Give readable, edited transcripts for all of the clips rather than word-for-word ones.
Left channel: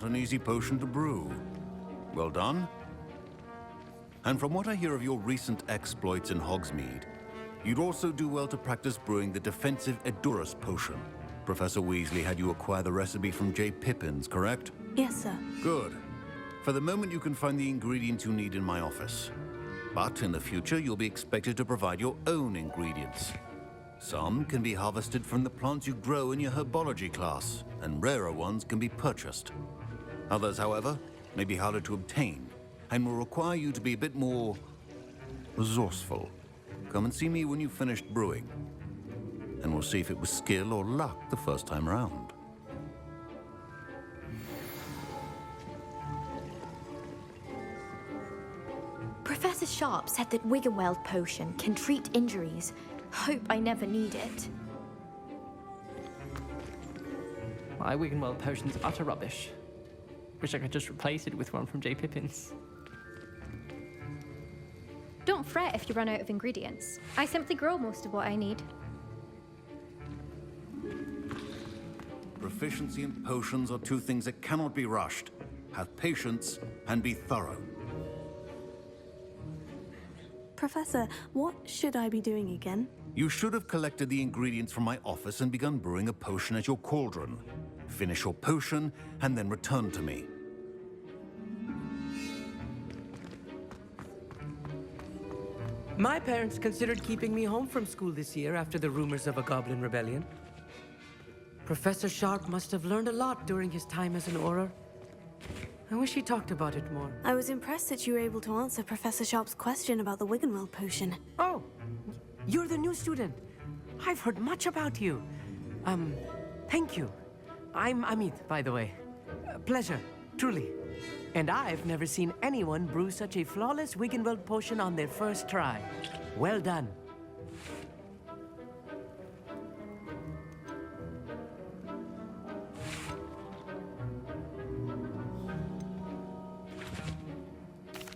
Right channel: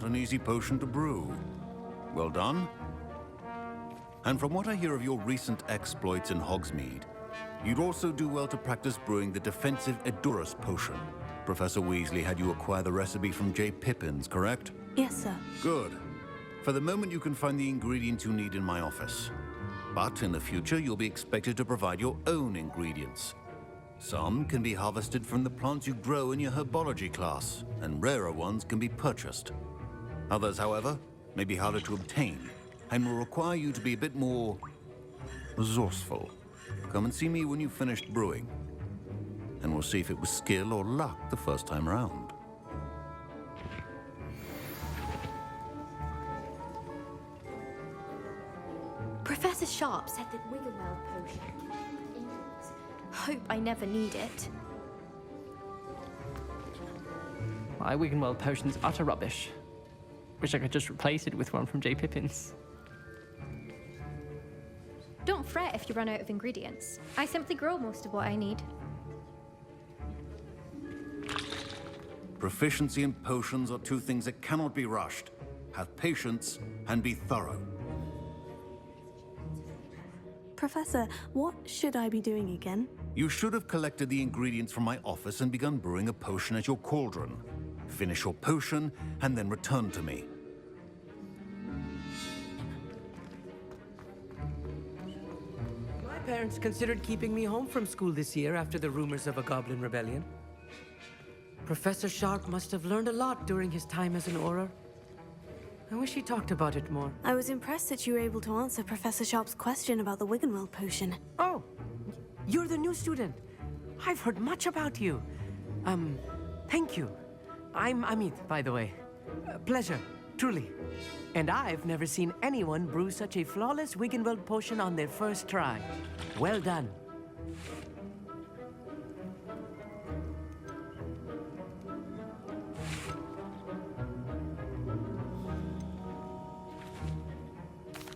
not an easy potion to brew. Well done. And from what I hear of your recent exploits in Hogsmeade, you'd also do well to practice brewing the defensive Edurus potion. Professor Weasley had you acquire the recipe from J. Pippin's, correct? Yes, sir. Good. For the moment, you can find the ingredients you need in my office. But in the future, you'll be expected to provide your own ingredients. Some can be harvested from the plants you grow in your herbology class, and rarer ones can be purchased. Others, however, may be harder to obtain, and will require you to be a bit more resourceful. Come and see me when you've finished brewing, and we'll see if it was skill or luck the first time round. Professor Sharp said that Wiggenweld potion can treat injuries. Hope I never need it. My Wiggenweld potion's utter rubbish. Wish I could just replace it with one from J. Pippin's. Don't fret if you run out of ingredients. I simply grow most of what I need. Proficiency in potions are two things that cannot be rushed. Have patience and be thorough. Professor, what should I be doing again? You should have collected the ingredients from my office and begun brewing a potion at your cauldron. Finish your potion and then return to me. My parents considered keeping me home from school this year after the rumors of a goblin rebellion. Professor Sharp must have learned a lot during his time as an Auror. I wish he talked about it more. I was impressed that you were able to answer Professor Sharp's question about the Wiggenweld potion. Oh, you're the new student. I've heard much about you. Thank you. I'm Amit, by the way. Pleasure, truly. And I've never seen anyone brew such a flawless Wiggenweld potion on their first try. Well done.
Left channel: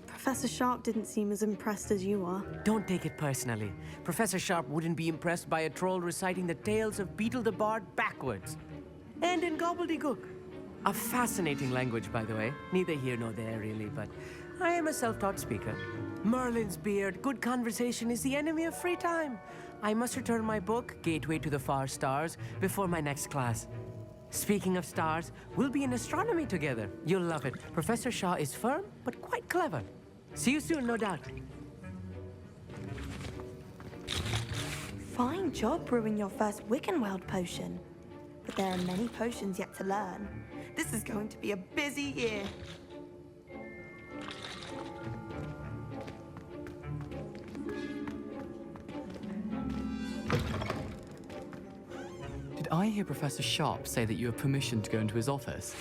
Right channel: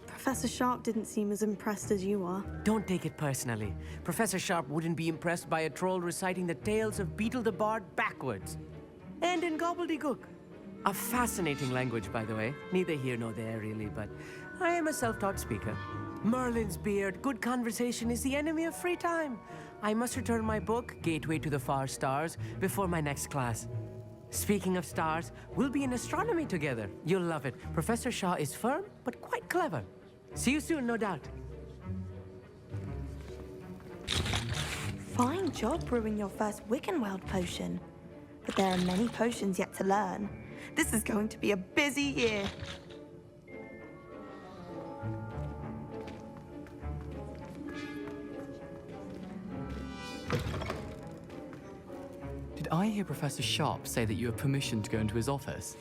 Professor Sharp didn't seem as impressed as you are. Don't take it personally. Professor Sharp wouldn't be impressed by a troll reciting the tales of Beetle the Bard backwards. And in gobbledygook. A fascinating language, by the way. Neither here nor there, really, but I am a self-taught speaker. Merlin's beard, good conversation is the enemy of free time. I must return my book, Gateway to the Far Stars, before my next class. Speaking of stars, we'll be in astronomy together. You'll love it. Professor Shaw is firm, but quite clever. See you soon, no doubt. Fine job brewing your first Wiggenweld potion. But there are many potions yet to learn. This is going to be a busy year. Did I hear Professor Sharp say that you have permission to go into his office?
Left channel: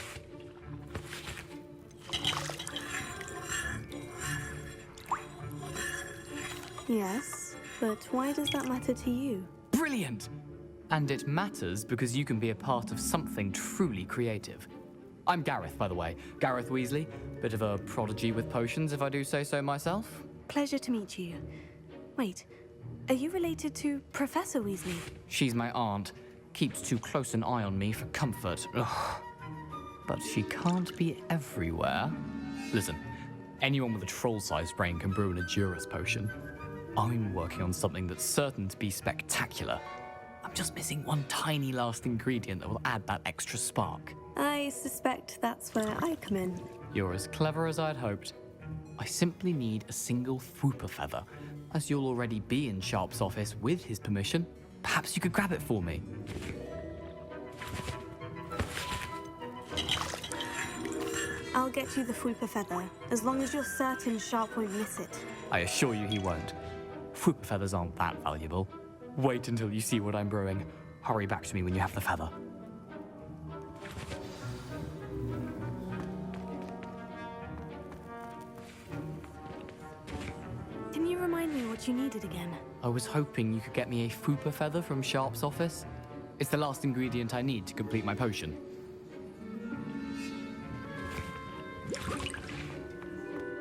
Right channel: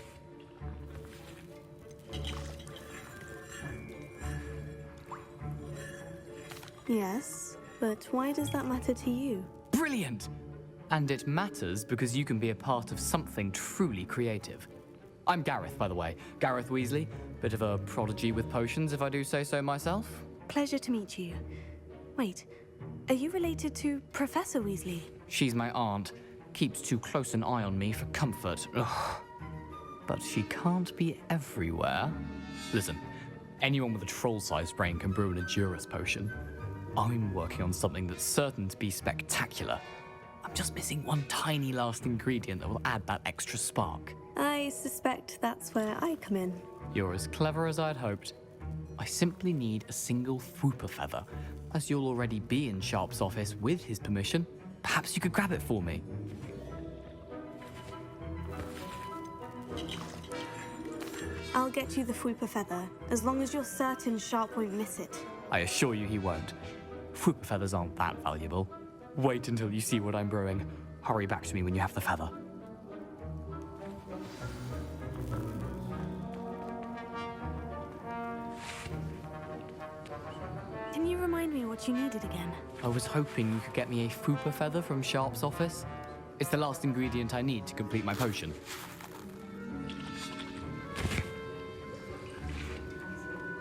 Yes, but why does that matter to you? Brilliant! And it matters because you can be a part of something truly creative. I'm Gareth, by the way. Gareth Weasley. Bit of a prodigy with potions, if I do say so myself. Pleasure to meet you. Wait, are you related to Professor Weasley? She's my aunt. Keeps too close an eye on me for comfort. Ugh. But she can't be everywhere. Listen, anyone with a troll-sized brain can brew an Edurus potion. I'm working on something that's certain to be spectacular. I'm just missing one tiny last ingredient that will add that extra spark. I suspect that's where I come in. You're as clever as I'd hoped. I simply need a single Fwooper feather. As you'll already be in Sharp's office with his permission, perhaps you could grab it for me. I'll get you the Fwooper feather, as long as you're certain Sharp won't miss it. I assure you he won't. Fwooper feathers aren't that valuable. Wait until you see what I'm brewing. Hurry back to me when you have the feather. Can you remind me what you needed again? I was hoping you could get me a Fwooper feather from Sharp's office. It's the last ingredient I need to complete my potion.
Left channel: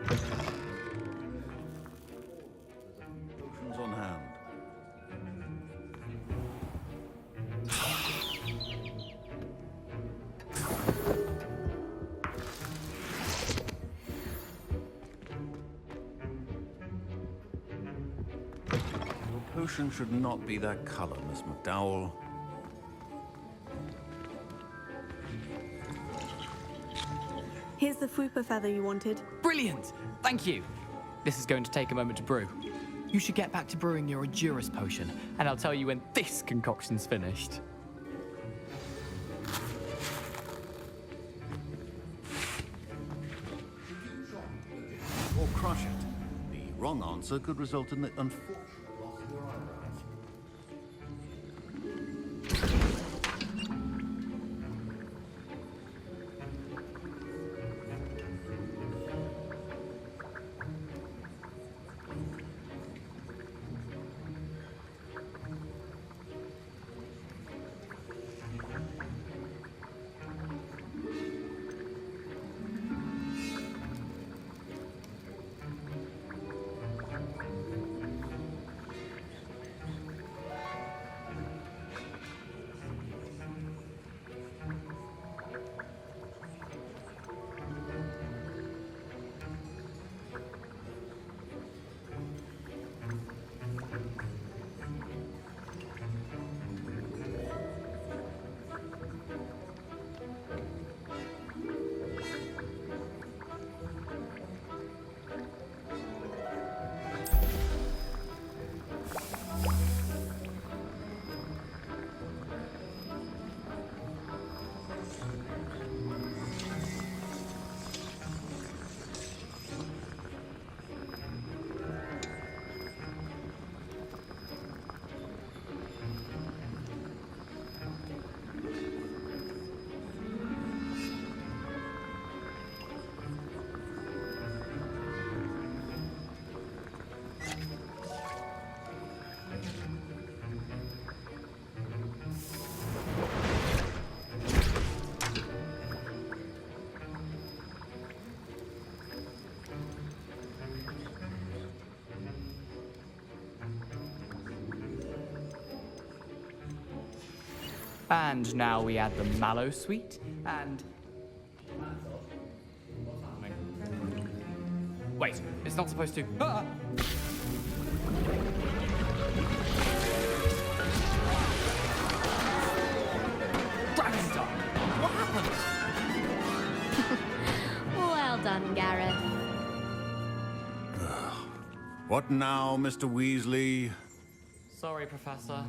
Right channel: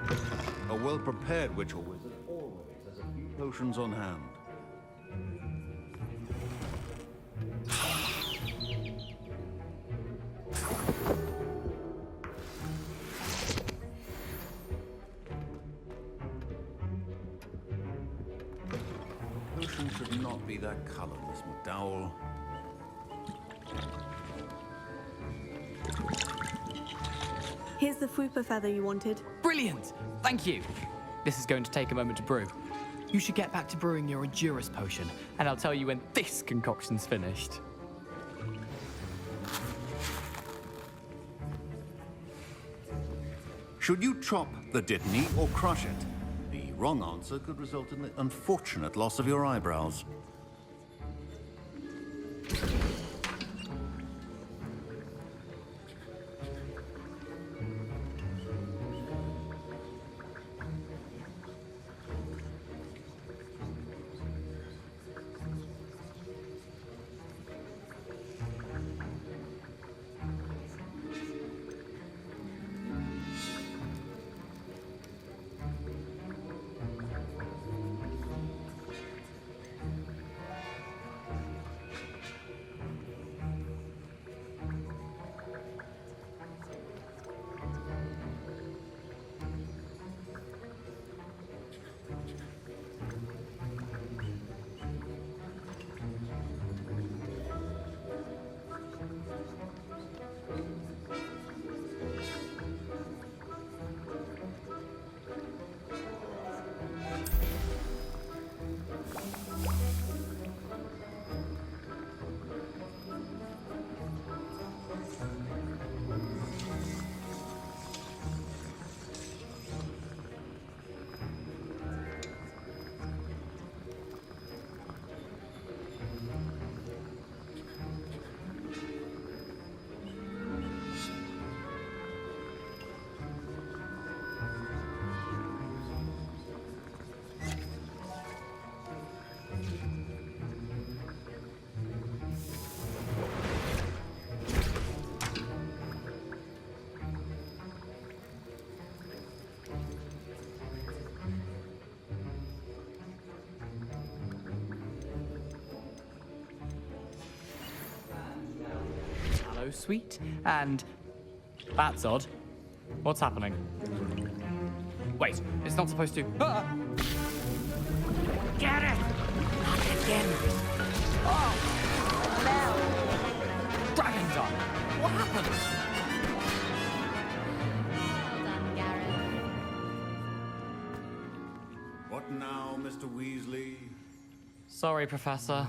A well-prepared witch or wizard always has a few potions on hand. potion should not be that color, Miss McDowell. Here's the fupa feather you wanted. Brilliant! Thank you! This is going to take a moment to brew. You should get back to brewing your Adurus potion, and I'll tell you when this concoction's finished. Should you chop the dittany or crush it? The wrong answer could result in the unfortunate loss of your eyebrows. And now we add the mallow sweet, and... That's odd. What's happening? Wait, it's not supposed to... Ah! Get it! Oh! Dragon Dog! What happened? Well done, Gareth. What now, Mr. Weasley? Sorry, Professor.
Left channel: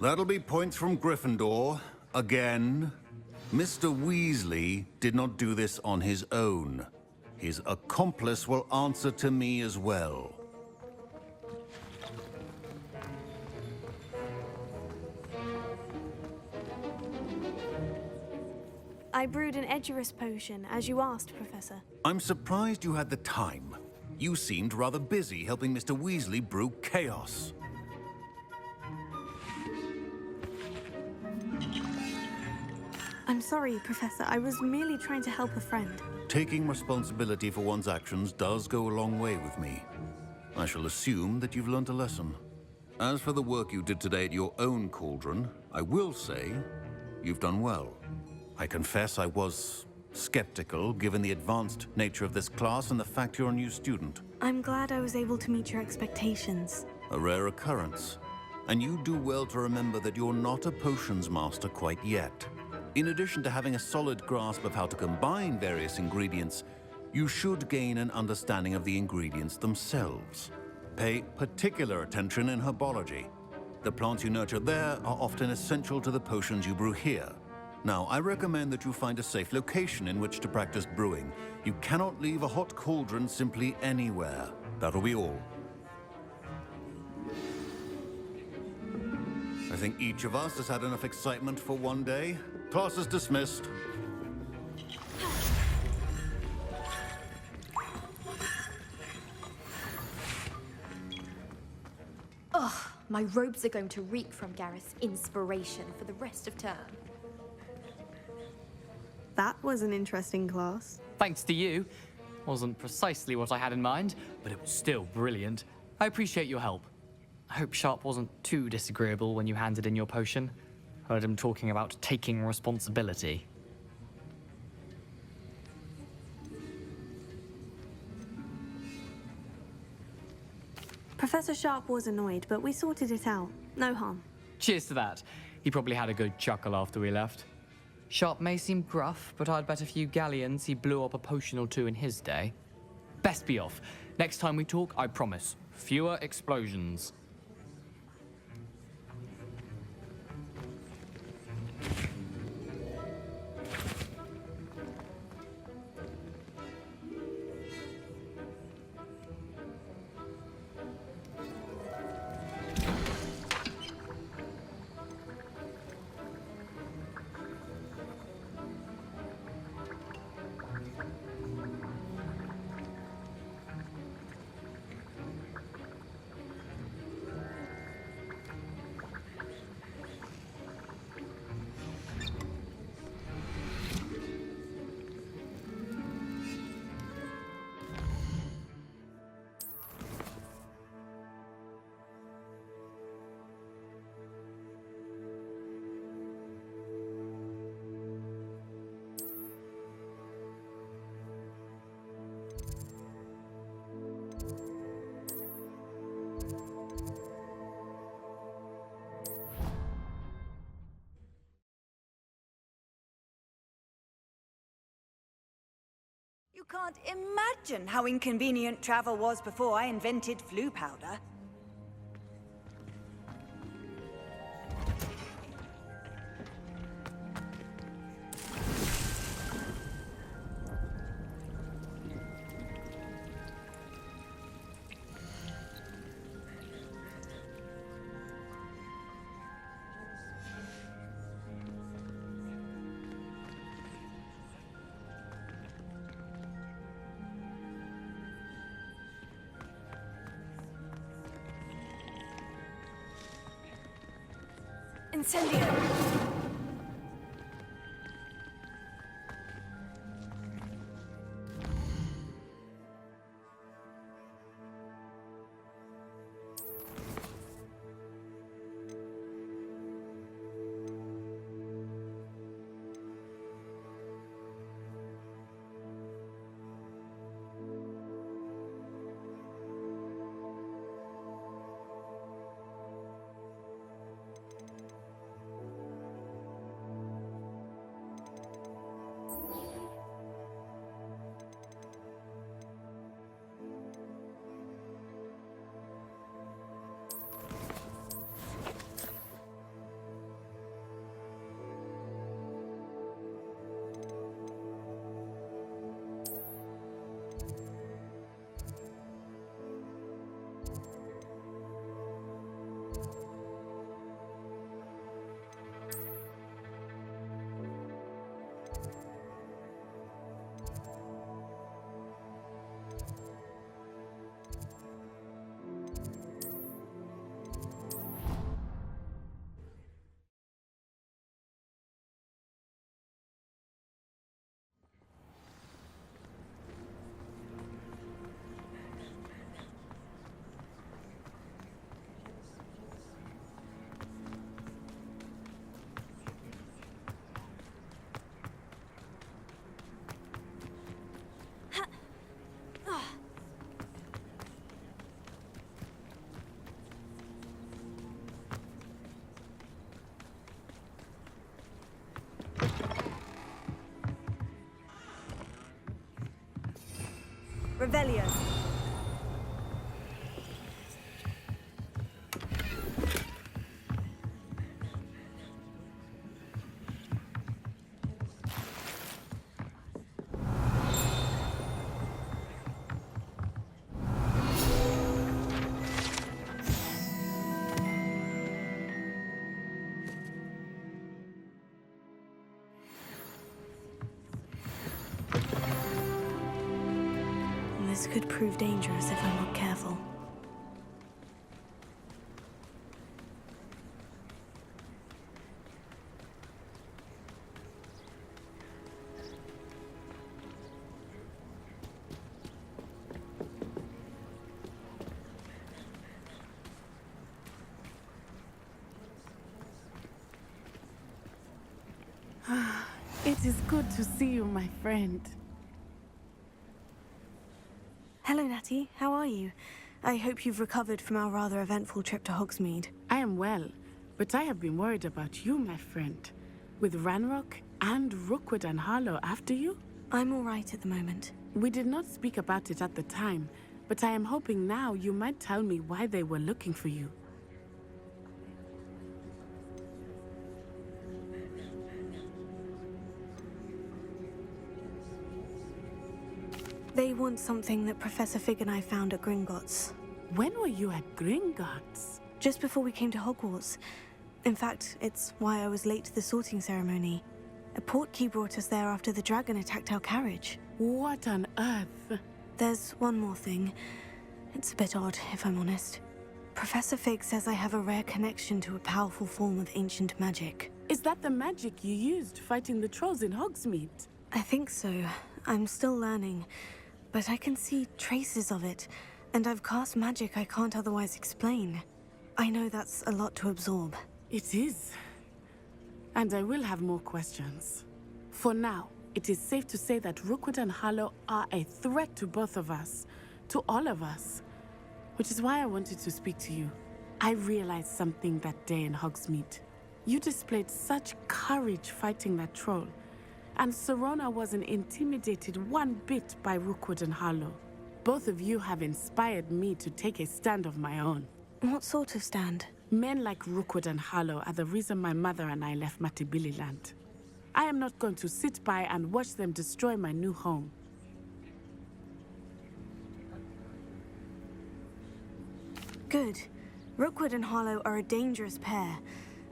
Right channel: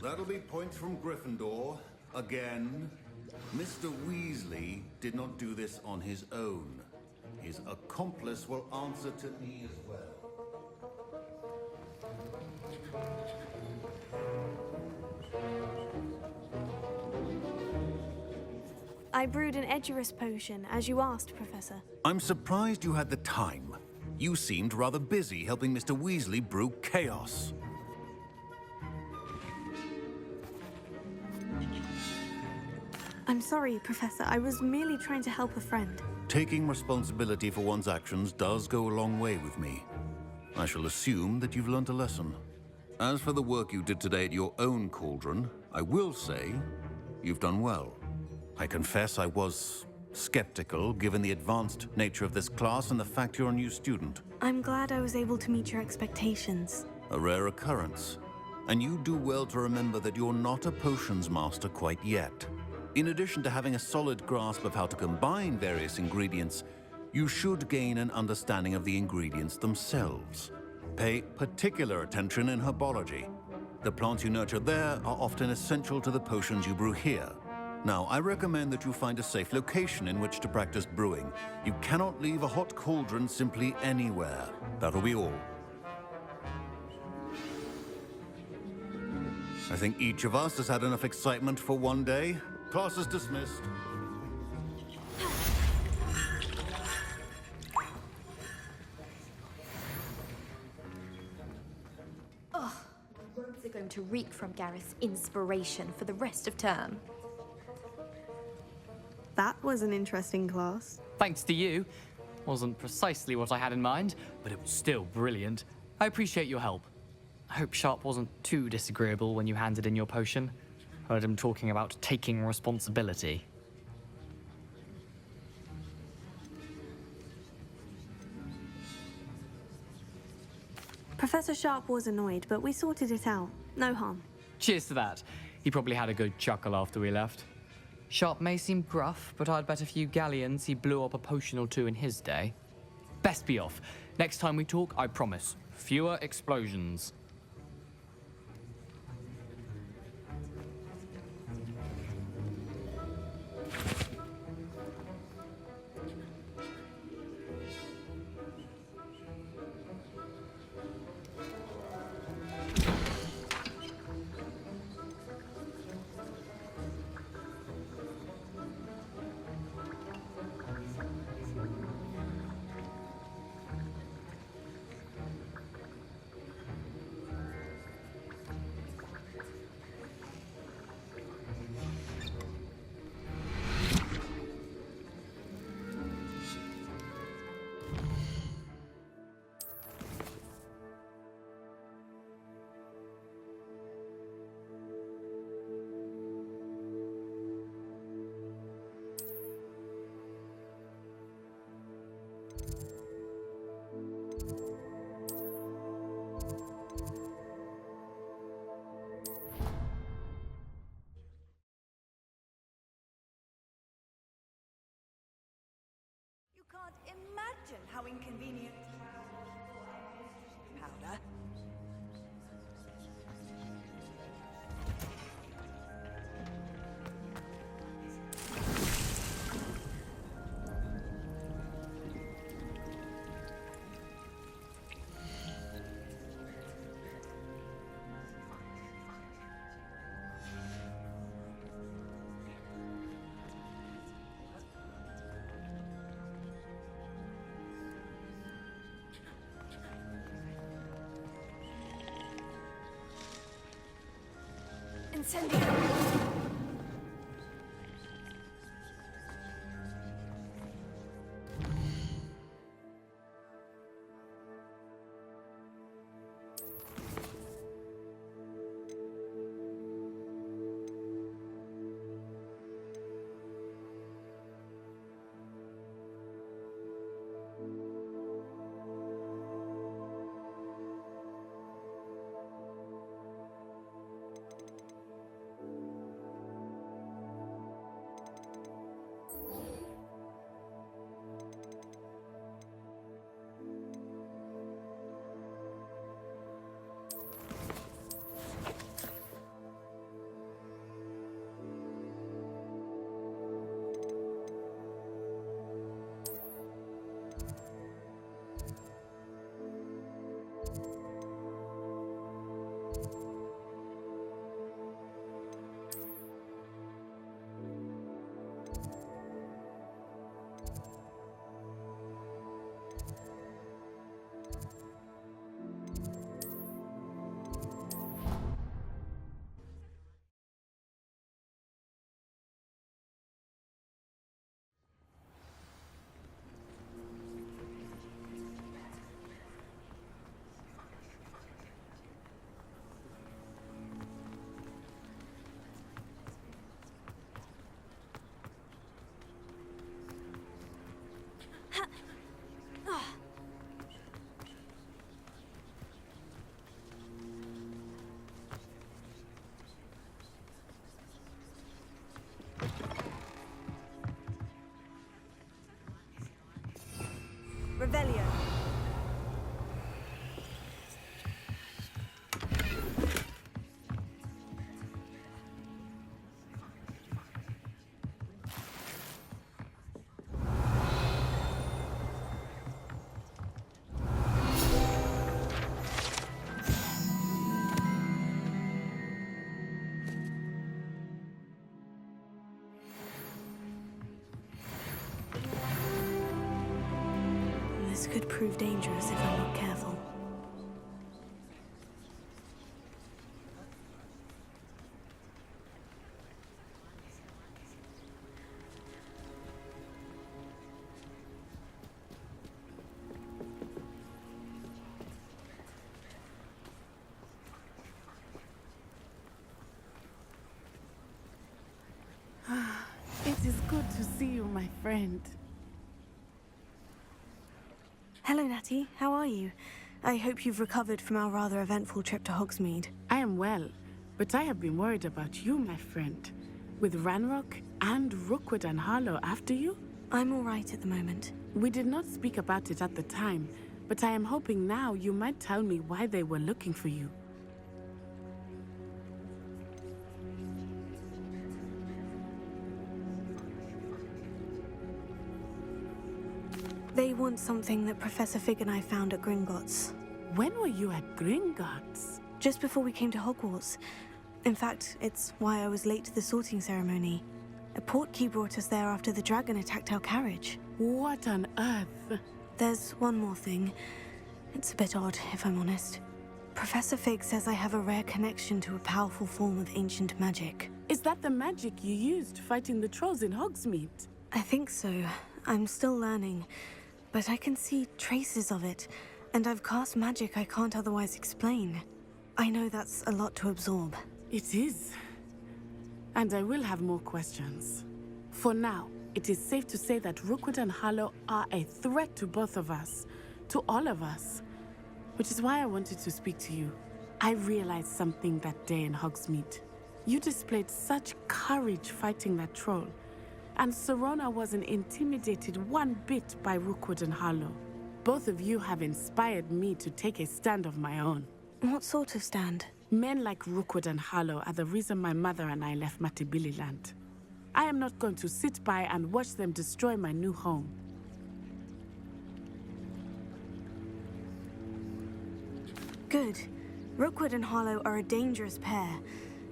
That'll be points from Gryffindor. Again. Mr. Weasley did not do this on his own. His accomplice will answer to me as well. I brewed an Edurus potion, as you asked, Professor. I'm surprised you had the time. You seemed rather busy helping Mr. Weasley brew chaos. I'm sorry, Professor. I was merely trying to help a friend. Taking responsibility for one's actions does go a long way with me. I shall assume that you've learnt a lesson. As for the work you did today at your own cauldron, I will say you've done well. I confess I was skeptical, given the advanced nature of this class and the fact you're a new student. I'm glad I was able to meet your expectations. A rare occurrence. And you do well to remember that you're not a potions master quite yet. In addition to having a solid grasp of how to combine various ingredients, you should gain an understanding of the ingredients themselves. Pay particular attention in herbology. The plants you nurture there are often essential to the potions you brew here. Now, I recommend that you find a safe location in which to practice brewing. You cannot leave a hot cauldron simply anywhere. That'll be all. I think each of us has had enough excitement for one day. Class is dismissed. Ugh, my robes are going to reek from Gareth's inspiration for the rest of term. That was an interesting class. Thanks to you. Wasn't precisely what I had in mind, but it was still brilliant. I appreciate your help. I hope Sharp wasn't too disagreeable when you handed in your potion. Heard him talking about taking responsibility. Professor Sharp was annoyed, but we sorted it out. No harm. Cheers to that. He probably had a good chuckle after we left. Sharp may seem gruff, but I'd bet a few galleons he blew up a potion or two in his day. Best be off. Next time we talk, I promise, fewer explosions. You can't imagine how inconvenient travel was before I invented flu powder. Incendio! Revelio. This could prove dangerous if I'm not careful. It is good to see you, my friend. Hello, Natty. How are you? I hope you've recovered from our rather eventful trip to Hogsmeade. I am well, but I have been worried about you, my friend. With Ranrock and Rookwood and Harlow after you? I'm all right at the moment. We did not speak about it at the time, but I am hoping now you might tell me why they were looking for you. They want something that Professor Fig and I found at Gringotts. When were you at Gringotts? Just before we came to Hogwarts. In fact, it's why I was late to the sorting ceremony. A portkey brought us there after the dragon attacked our carriage. What on earth? There's one more thing. It's a bit odd, if I'm honest. Professor Fig says I have a rare connection to a powerful form of ancient magic. Is that the magic you used fighting the trolls in Hogsmeade? I think so. I'm still learning, but I can see traces of it, and I've cast magic I can't otherwise explain. I know that's a lot to absorb. It is. And I will have more questions. For now, it is safe to say that Rookwood and Harlow are a threat to both of us, to all of us. Which is why I wanted to speak to you. I realized something that day in Hogsmeade. You displayed such courage fighting that troll, and Serona wasn't intimidated one bit by Rookwood and Harlow. Both of you have inspired me to take a stand of my own. What sort of stand? Men like Rookwood and Harlow are the reason my mother and I left Matibililand. I am not going to sit by and watch them destroy my new home. Good. Rookwood and Harlow are a dangerous pair,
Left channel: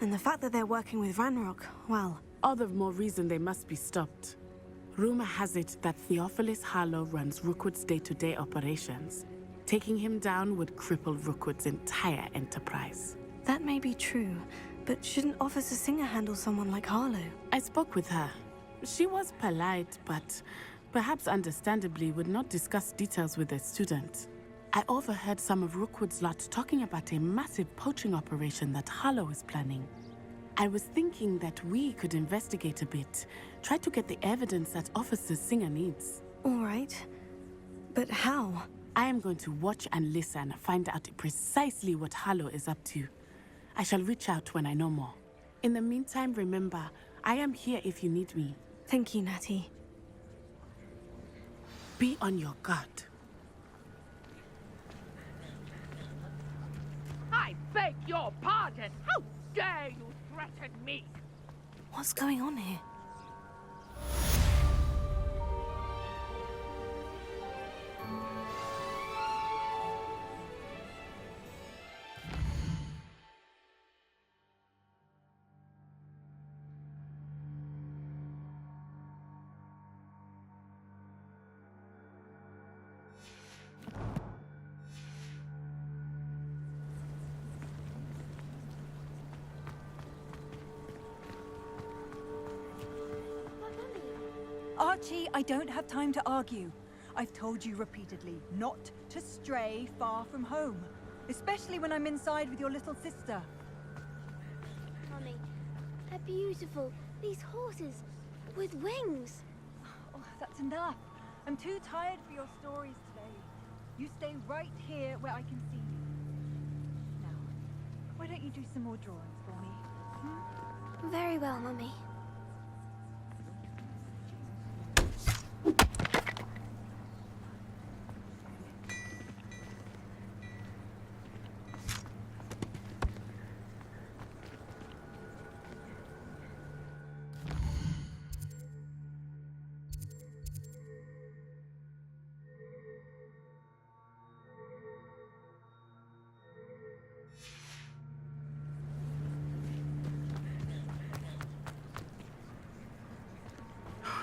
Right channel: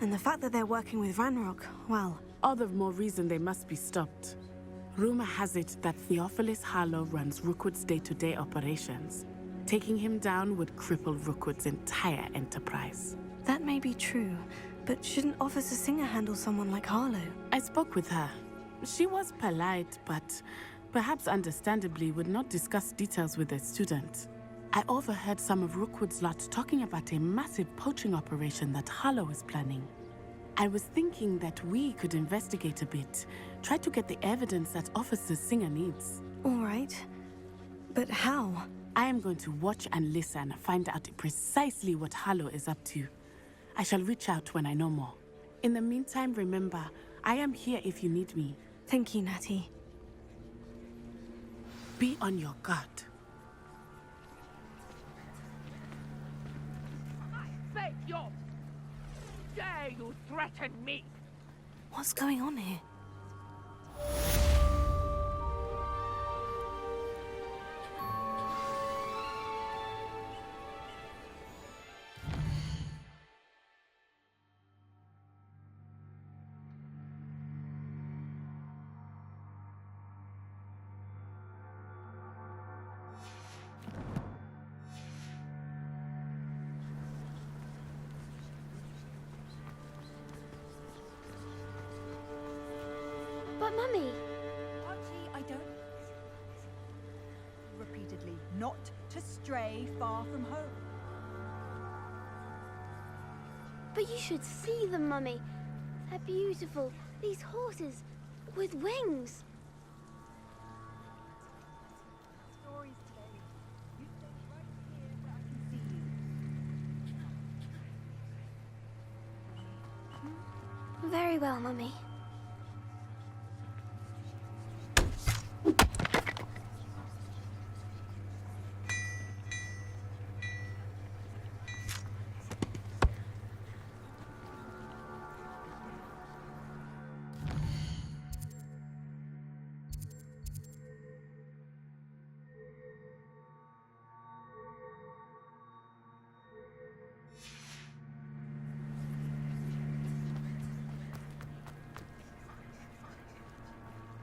and the fact that they're working with Ranrock, well... All the more reason they must be stopped. Rumor has it that Theophilus Harlow runs Rookwood's day-to-day operations. Taking him down would cripple Rookwood's entire enterprise. That may be true, but shouldn't Officer Singer handle someone like Harlow? I spoke with her. She was polite, but perhaps understandably would not discuss details with a student. I overheard some of Rookwood's lot talking about a massive poaching operation that Harlow is planning. I was thinking that we could investigate a bit, try to get the evidence that Officer Singer needs. All right. But how? I am going to watch and listen, find out precisely what Harlow is up to. I shall reach out when I know more. In the meantime, remember, I am here if you need me. Thank you, Natty. Be on your guard. I beg your pardon! How dare you threaten me? What's going on here? But, Mummy... Archie, I don't have time to argue. I've told you repeatedly not to stray far from home, especially when I'm inside with your little sister. But you should see them, Mummy. They're beautiful. These horses with wings. Oh, that's enough. I'm too tired for your stories today. You stay right here where I can see you. Now, why don't you do some more drawings for me? Hmm? Very well, Mummy.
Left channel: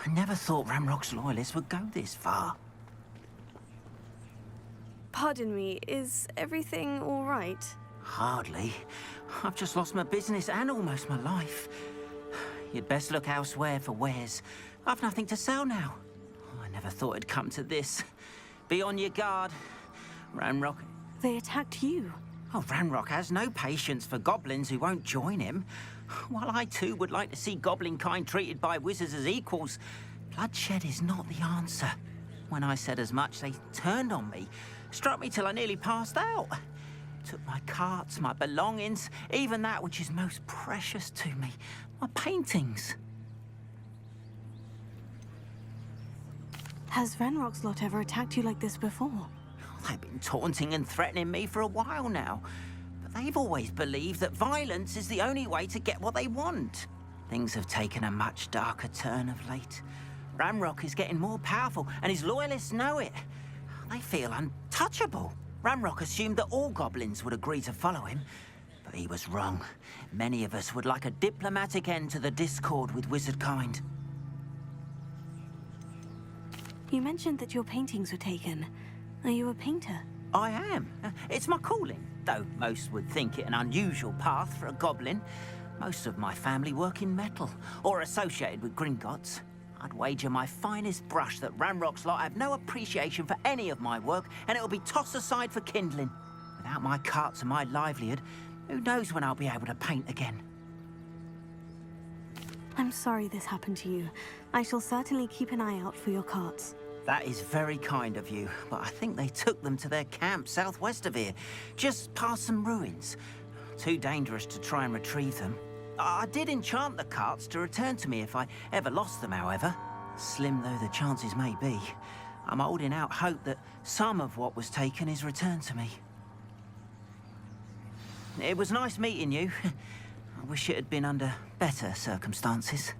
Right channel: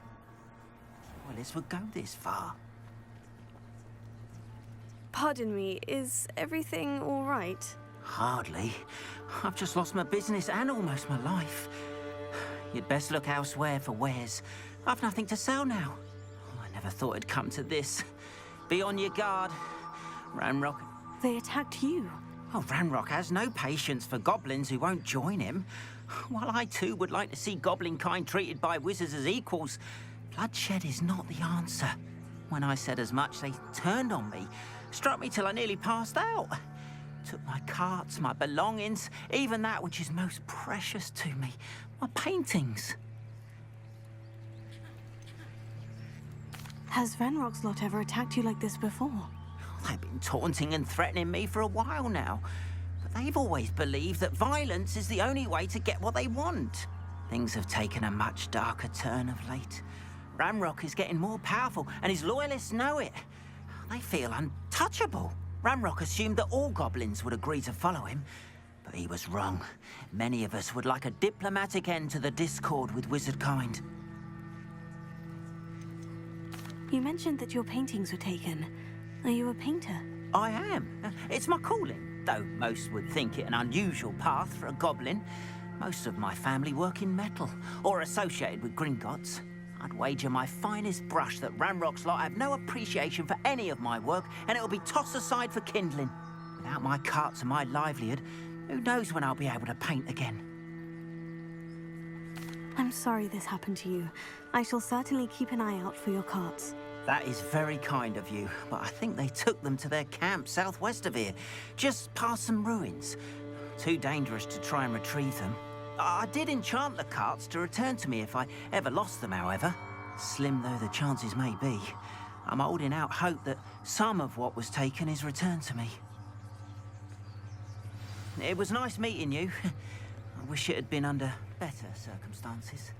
I never thought Ramrock's loyalists would go this far. Pardon me, is everything all right? Hardly. I've just lost my business and almost my life. You'd best look elsewhere for wares. I've nothing to sell now. Oh, I never thought it'd come to this. Be on your guard. Ranrock... They attacked you. Oh, Ranrock has no patience for goblins who won't join him. While I too would like to see goblin kind treated by wizards as equals, bloodshed is not the answer. When I said as much, they turned on me, Struck me till I nearly passed out. Took my carts, my belongings, even that which is most precious to me, my paintings. Has Renrock's lot ever attacked you like this before? They've been taunting and threatening me for a while now. But they've always believed that violence is the only way to get what they want. Things have taken a much darker turn of late. Ranrock is getting more powerful, and his loyalists know it. They feel untouchable. Ranrock assumed that all goblins would agree to follow him, but he was wrong. Many of us would like a diplomatic end to the discord with wizardkind. You mentioned that your paintings were taken. Are you a painter? I am. It's my calling, though most would think it an unusual path for a goblin. Most of my family work in metal, or associated with Gringotts. I'd wager my finest brush that Ranrock's lot have no appreciation for any of my work, and it'll be tossed aside for kindling. Without my carts and my livelihood, who knows when I'll be able to paint again? I'm sorry this happened to you. I shall certainly keep an eye out for your carts. That is very kind of you, but I think they took them to their camp southwest of here, just past some ruins. Too dangerous to try and retrieve them. I did enchant the carts to return to me if I ever lost them, however. Slim though the chances may be, I'm holding out hope that some of what was taken is returned to me. It was nice meeting you. I wish it had been under better circumstances.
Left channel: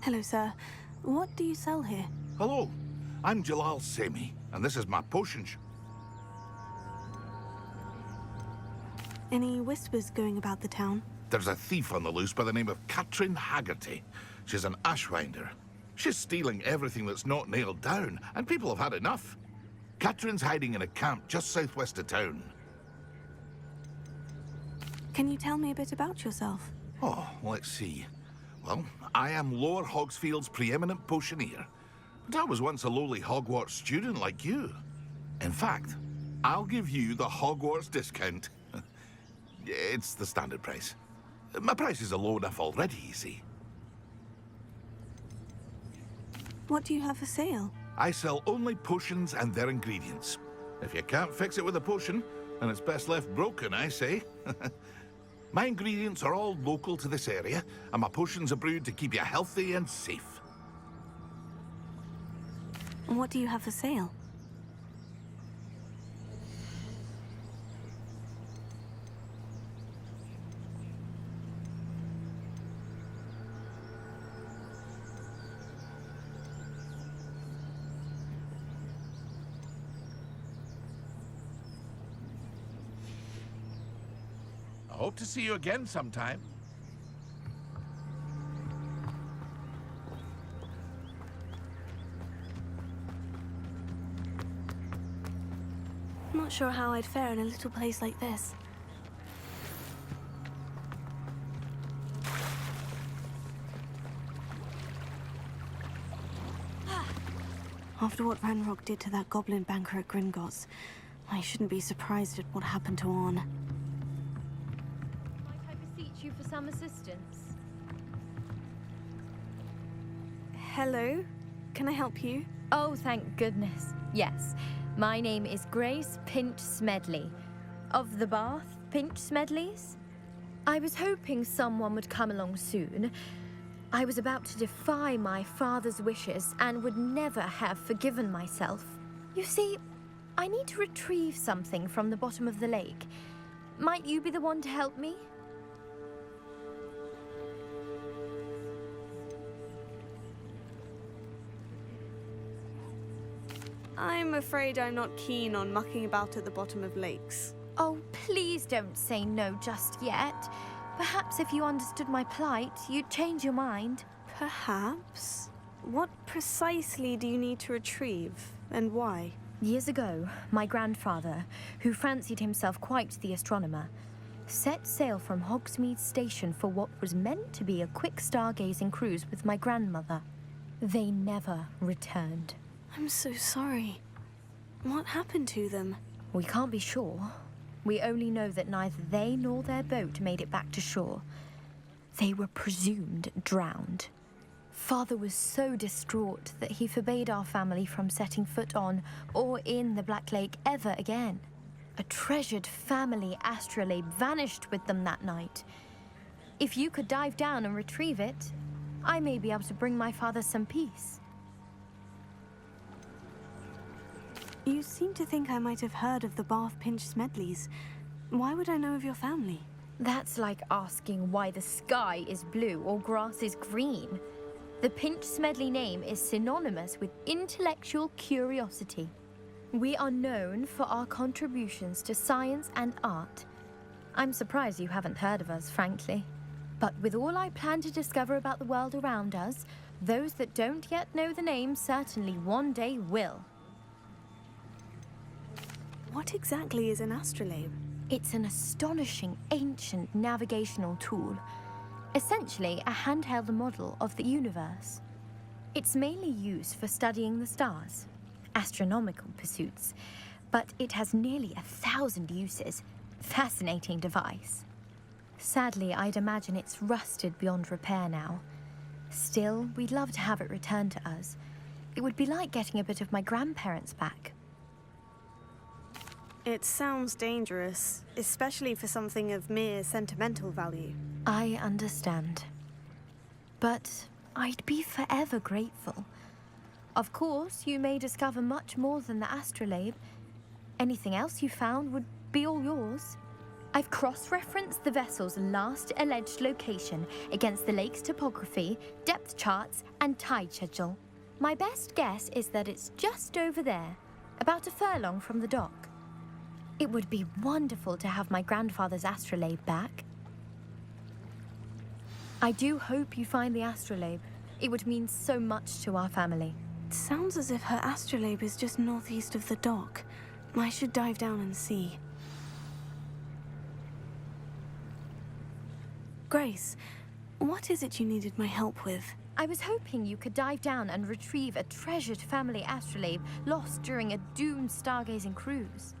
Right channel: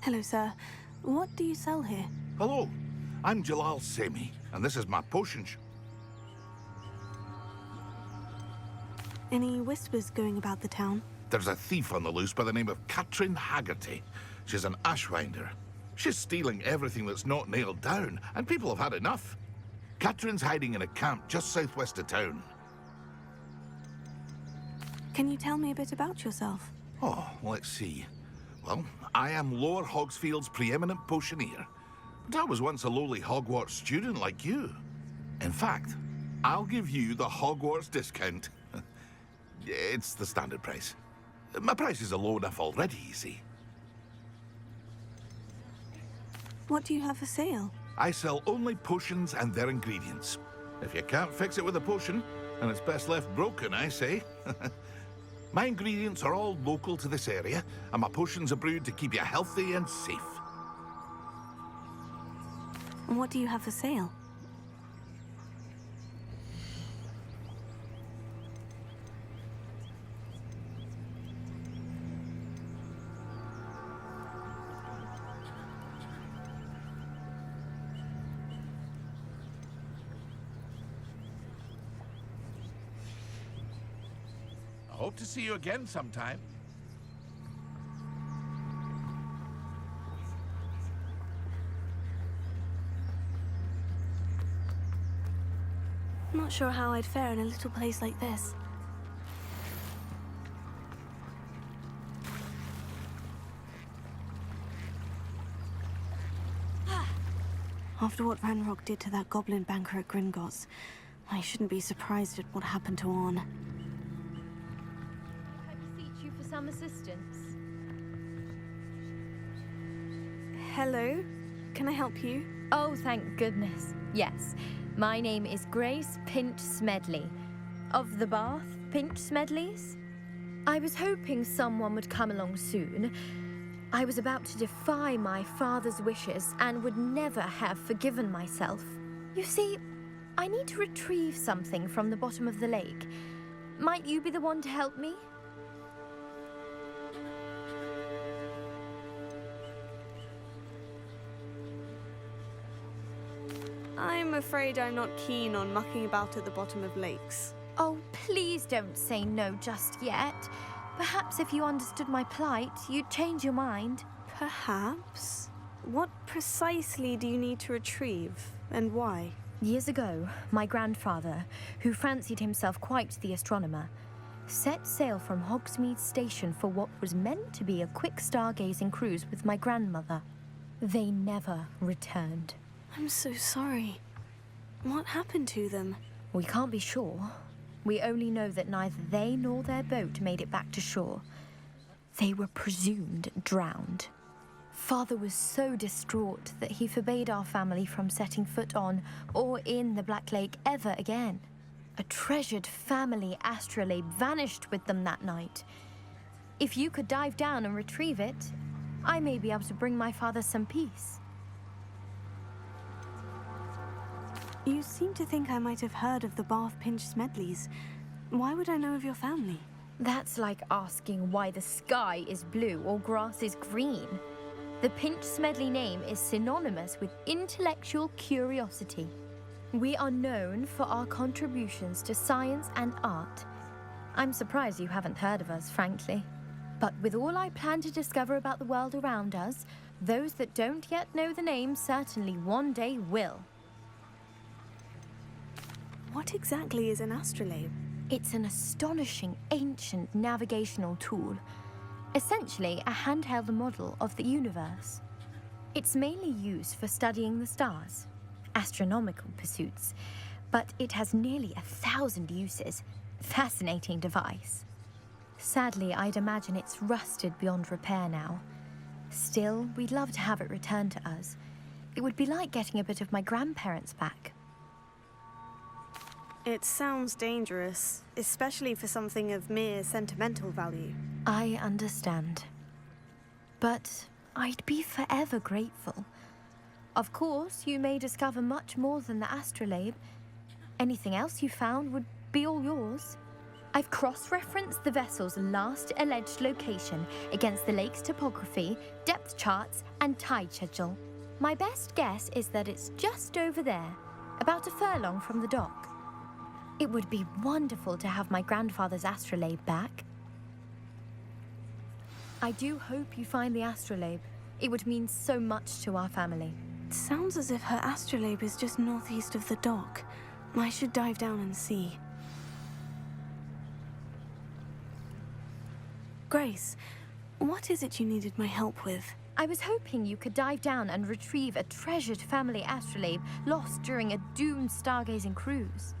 Hello, sir. What do you sell here? Hello, I'm Jalal Semi, and this is my potion shop. Any whispers going about the town? There's a thief on the loose by the name of Katrin Haggerty. She's an ashwinder. She's stealing everything that's not nailed down, and people have had enough. Katrin's hiding in a camp just southwest of town. Can you tell me a bit about yourself? Oh, let's see. Well, I am Lower Hogsfield's preeminent potioneer, but I was once a lowly Hogwarts student like you. In fact, I'll give you the Hogwarts discount. It's the standard price. My prices are low enough already, you see. What do you have for sale? I sell only potions and their ingredients. If you can't fix it with a potion, then it's best left broken, I say. My ingredients are all local to this area, and my potions are brewed to keep you healthy and safe. And what do you have for sale? I hope to see you again sometime. Not sure how I'd fare in a little place like this. After what Ranrock did to that goblin banker at Gringotts, I shouldn't be surprised at what happened to Orn. I beseech you for some assistance. Hello? Can I help you? Oh, thank goodness. Yes. My name is Grace Pinch Smedley. Of the Bath Pinch Smedleys? I was hoping someone would come along soon. I was about to defy my father's wishes and would never have forgiven myself. You see, I need to retrieve something from the bottom of the lake. Might you be the one to help me? I'm afraid I'm not keen on mucking about at the bottom of lakes. Oh, please don't say no just yet. Perhaps if you understood my plight, you'd change your mind. Perhaps? What precisely do you need to retrieve, and why? Years ago, my grandfather, who fancied himself quite the astronomer, set sail from Hogsmeade Station for what was meant to be a quick stargazing cruise with my grandmother. They never returned. I'm so sorry. What happened to them? We can't be sure. We only know that neither they nor their boat made it back to shore. They were presumed drowned. Father was so distraught that he forbade our family from setting foot on or in the Black Lake ever again. A treasured family astrolabe vanished with them that night. If you could dive down and retrieve it, I may be able to bring my father some peace. You seem to think I might have heard of the Bath Pinch Smedleys. Why would I know of your family? That's like asking why the sky is blue or grass is green. The Pinch Smedley name is synonymous with intellectual curiosity. We are known for our contributions to science and art. I'm surprised you haven't heard of us, frankly. But with all I plan to discover about the world around us, those that don't yet know the name certainly one day will. What exactly is an astrolabe? It's an astonishing ancient navigational tool. Essentially a handheld model of the universe. It's mainly used for studying the stars, astronomical pursuits, but it has nearly 1,000 uses. Fascinating device. Sadly, I'd imagine it's rusted beyond repair now. Still, we'd love to have it returned to us. It would be like getting a bit of my grandparents back. It sounds dangerous, especially for something of mere sentimental value. I understand. But I'd be forever grateful. Of course, you may discover much more than the astrolabe. Anything else you found would be all yours. I've cross-referenced the vessel's last alleged location against the lake's topography, depth charts, and tide schedule. My best guess is that it's just over there, about a furlong from the dock. It would be wonderful to have my grandfather's astrolabe back. I do hope you find the astrolabe. It would mean so much to our family. It sounds as if her astrolabe is just northeast of the dock. I should dive down and see. Grace, what is it you needed my help with? I was hoping you could dive down and retrieve a treasured family astrolabe lost during a doomed stargazing cruise.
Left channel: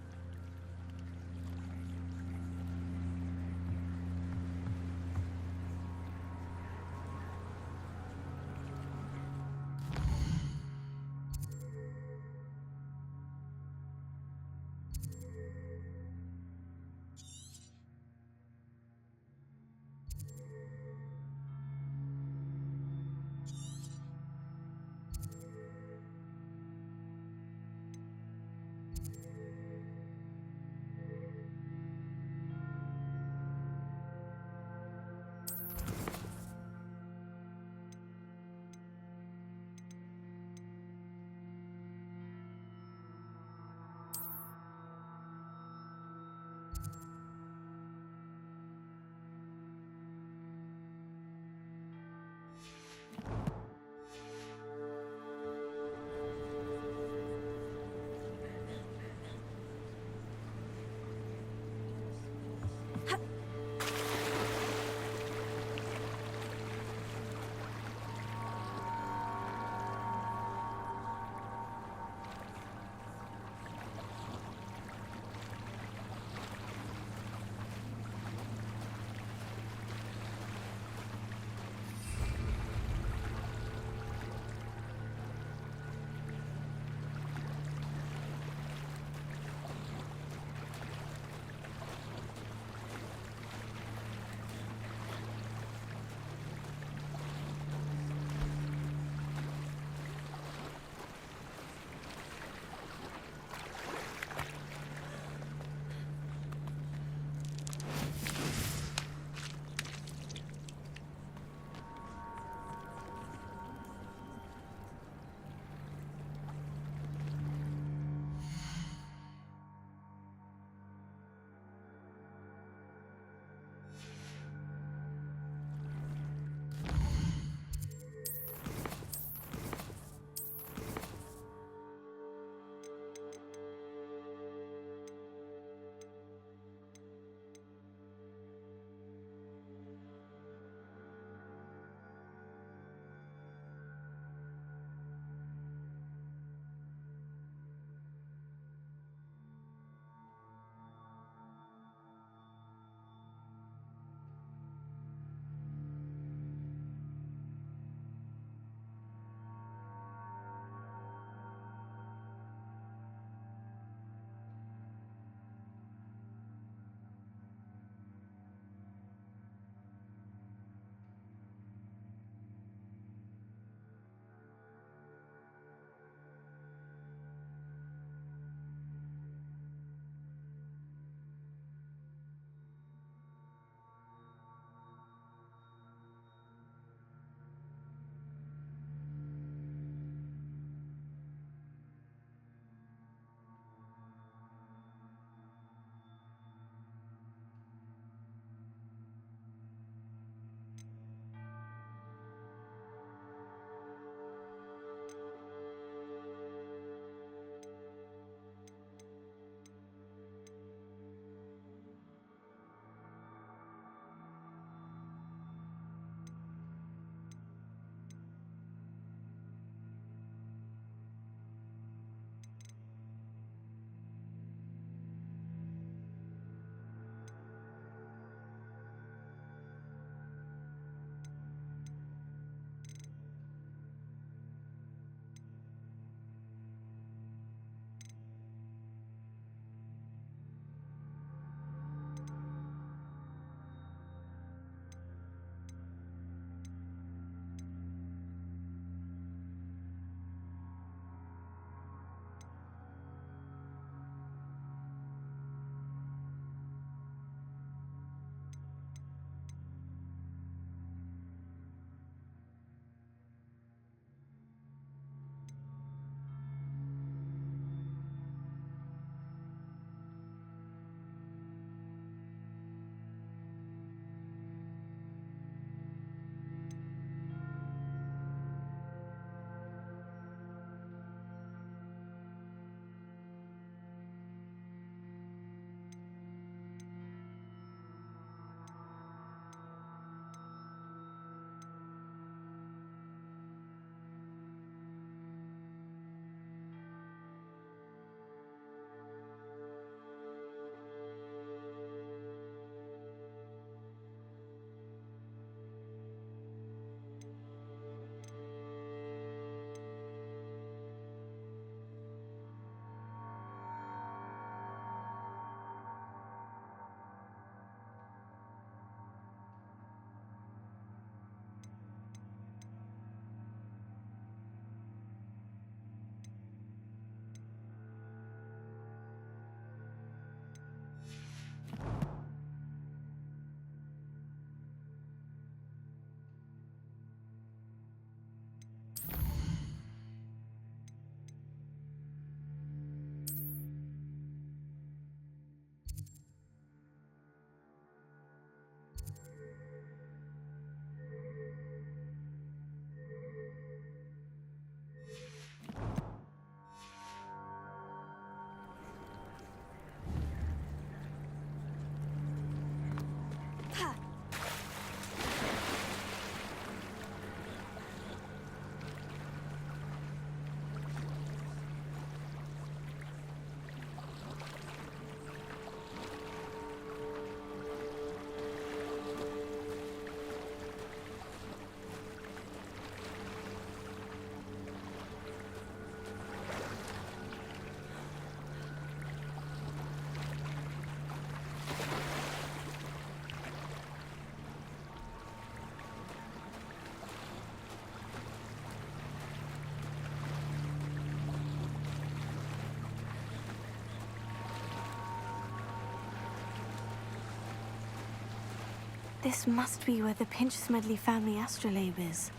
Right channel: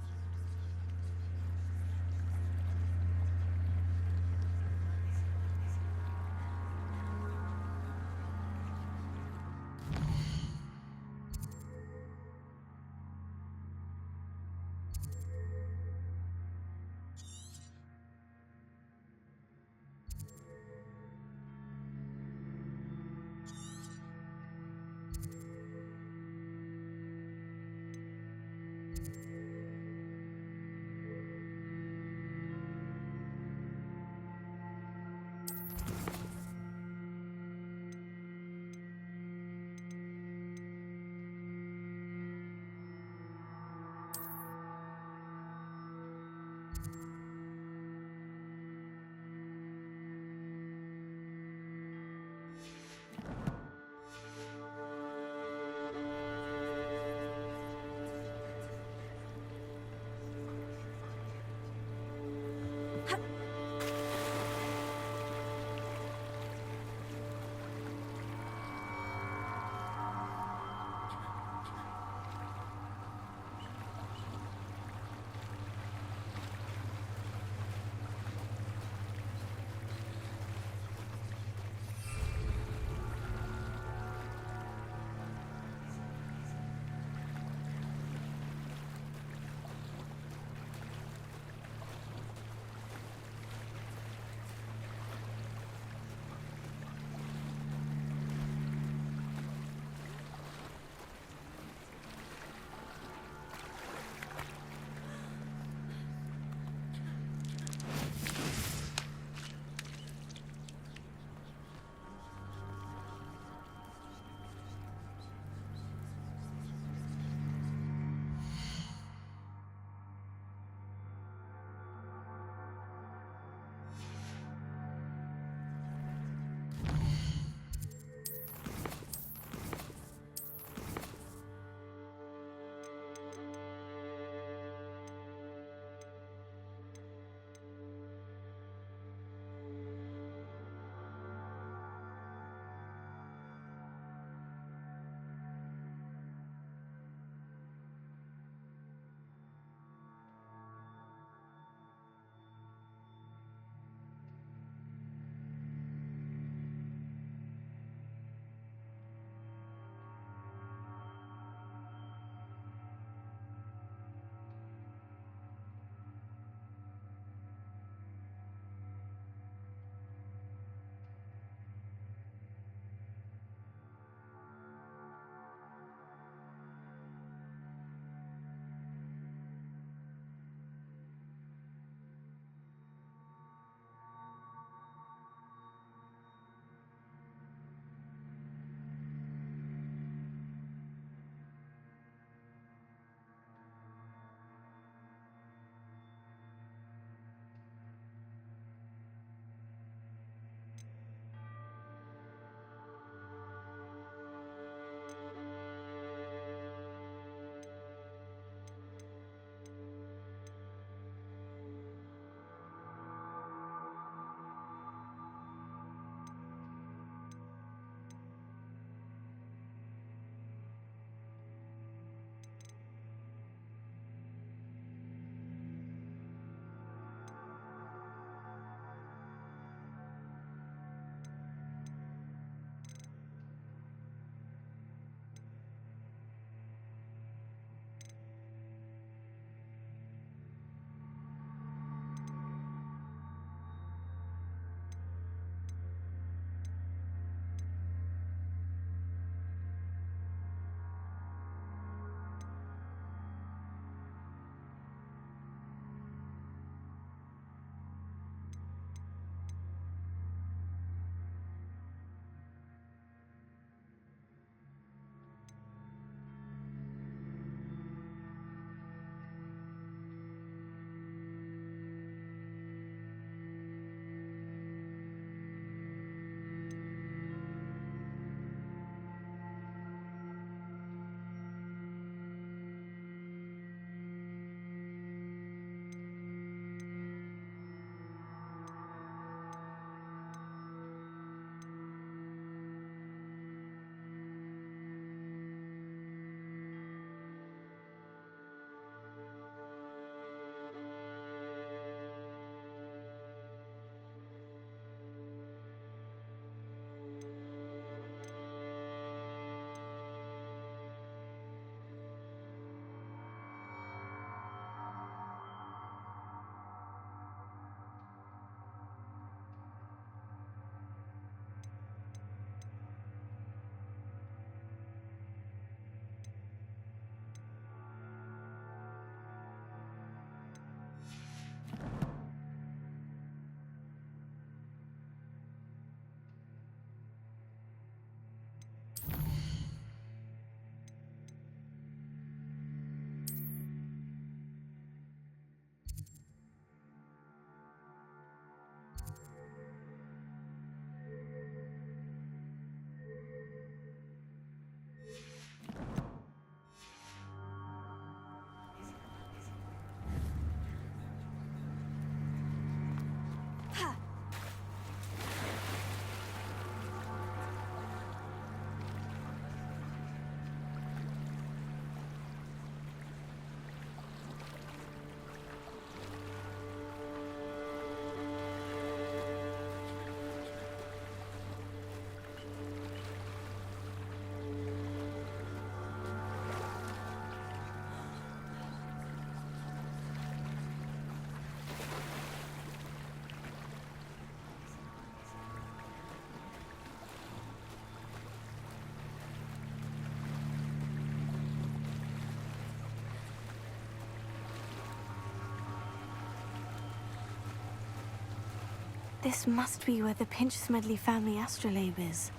This must be where the Pinch-Smedley family astrolabe is.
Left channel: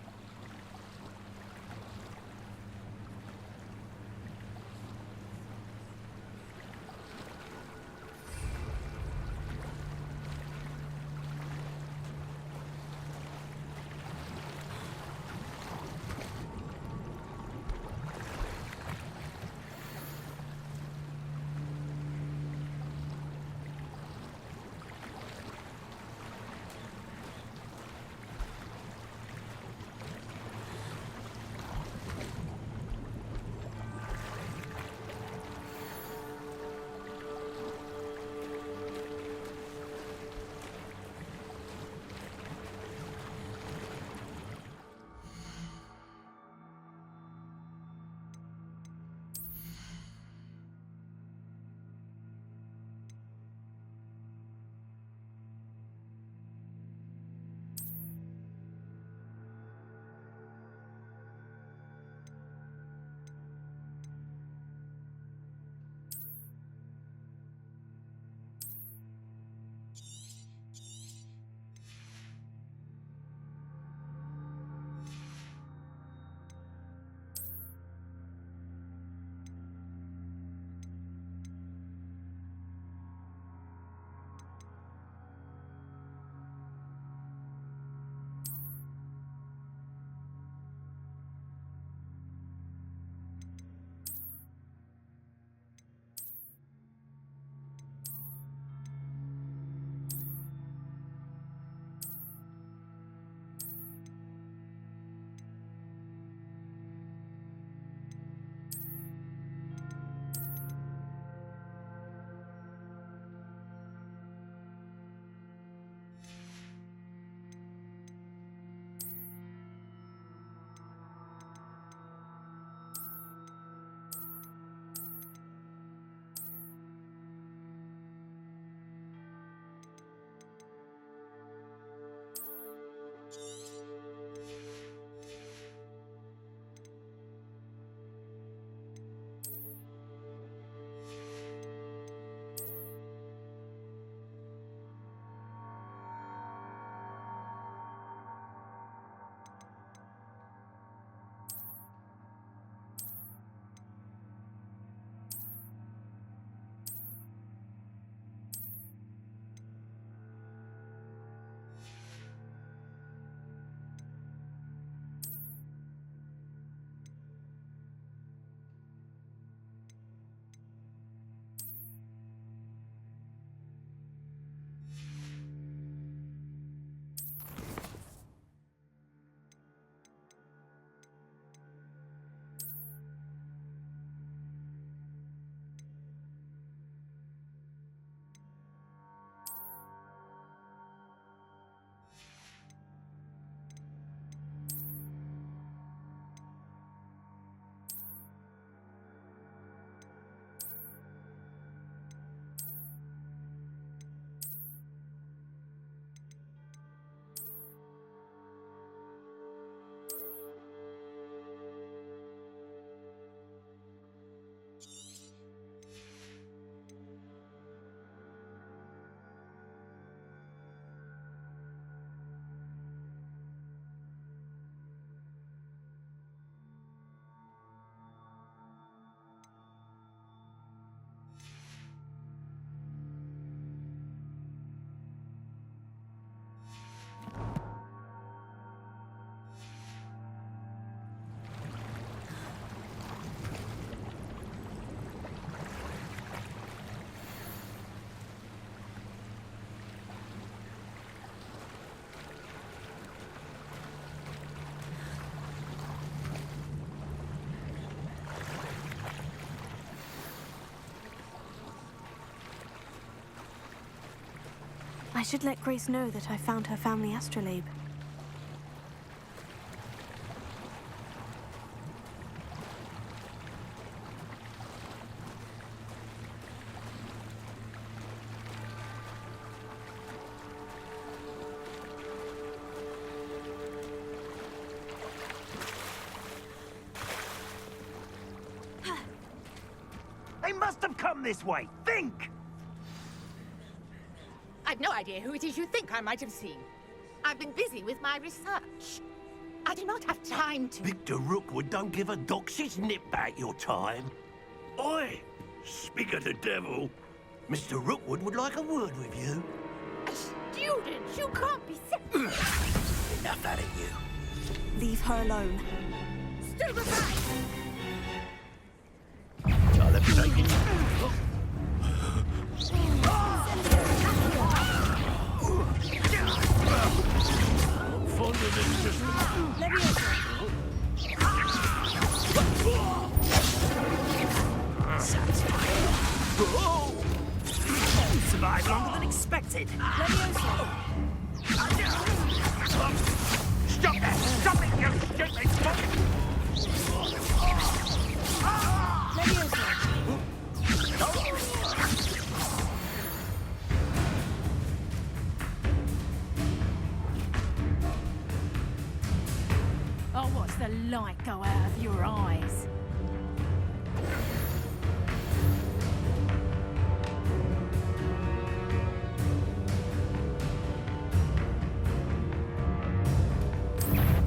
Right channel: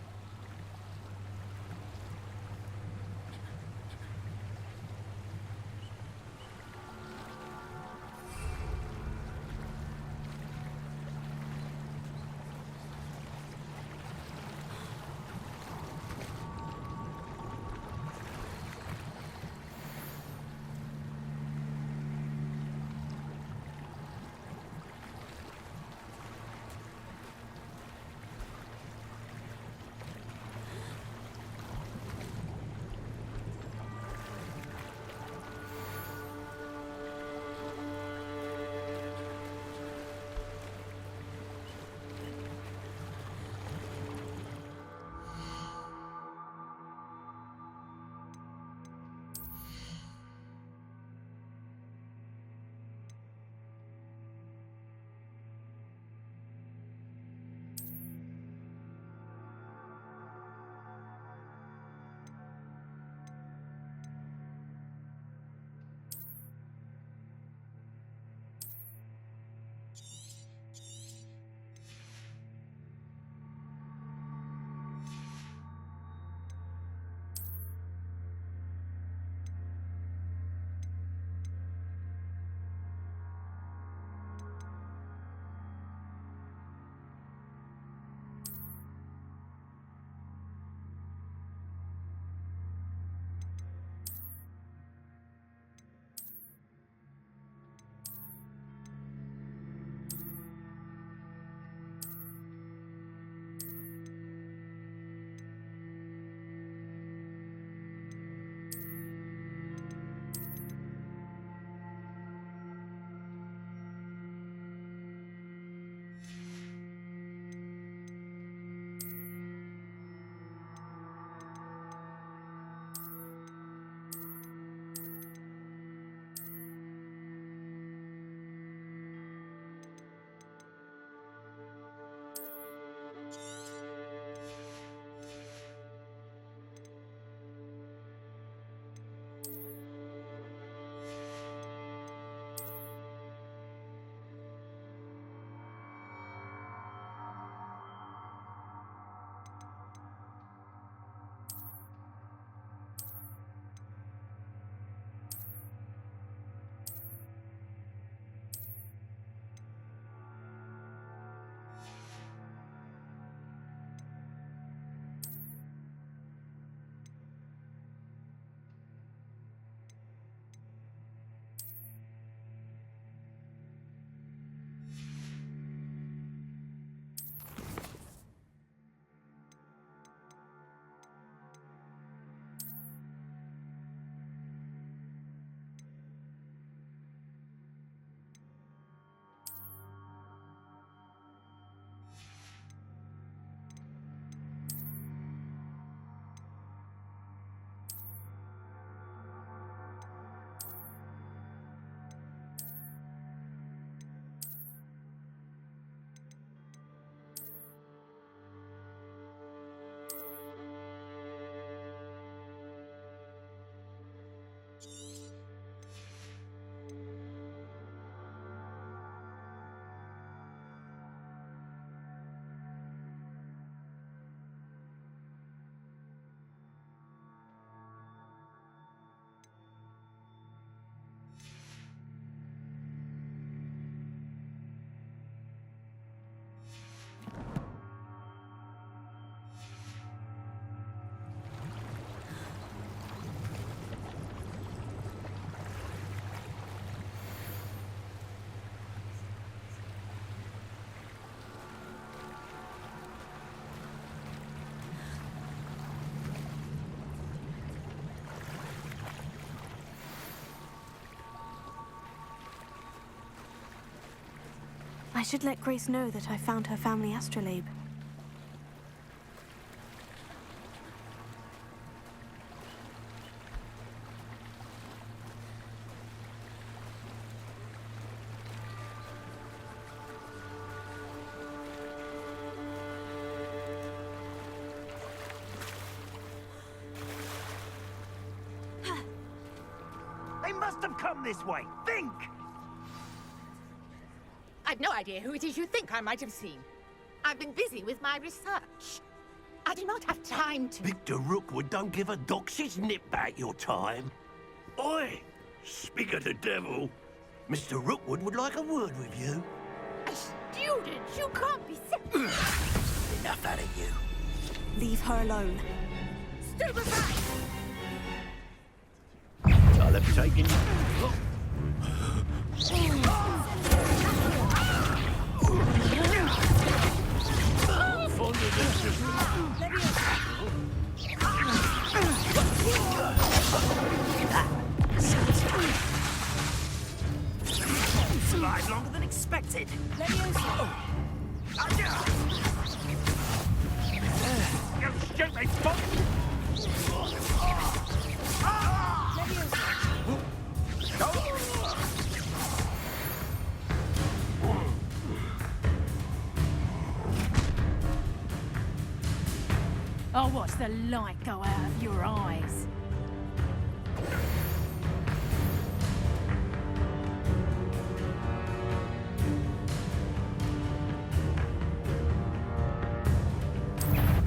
I should let Grace know that I found her family astrolabe. They must have come this way. Think! I've no idea who it is you think I might have seen. I've been busy with my research. I do not have time to... Victor Rookwood don't give a doxy's nip back your time. Oi! Speak of the devil. Mr. Rookwood would like a word with you. A student? You can't be... Enough out of you. Leave her alone. Stand aside! I'll have taken you. Fond of this just... Survived longer than expected. Stop that! Stop it, you stupid fuck! I'll watch the light go out of your eyes.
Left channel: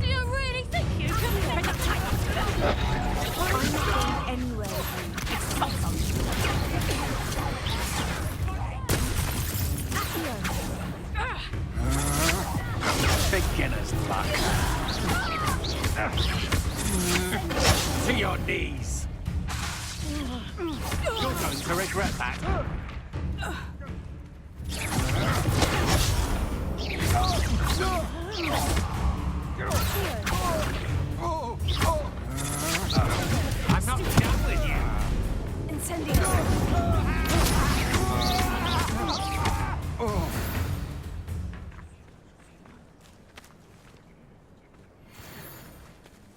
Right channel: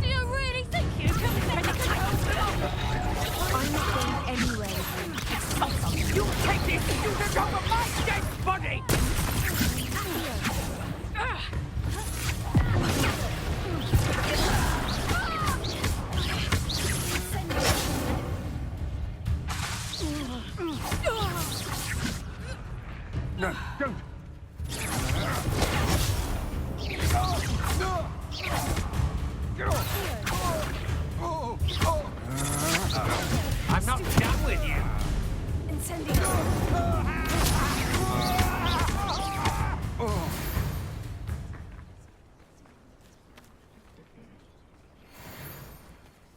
Do you really think you can pick a time? I'm not going anywhere. It's something you take this from my dead body! To your knees. To regret that. I'm not done with you!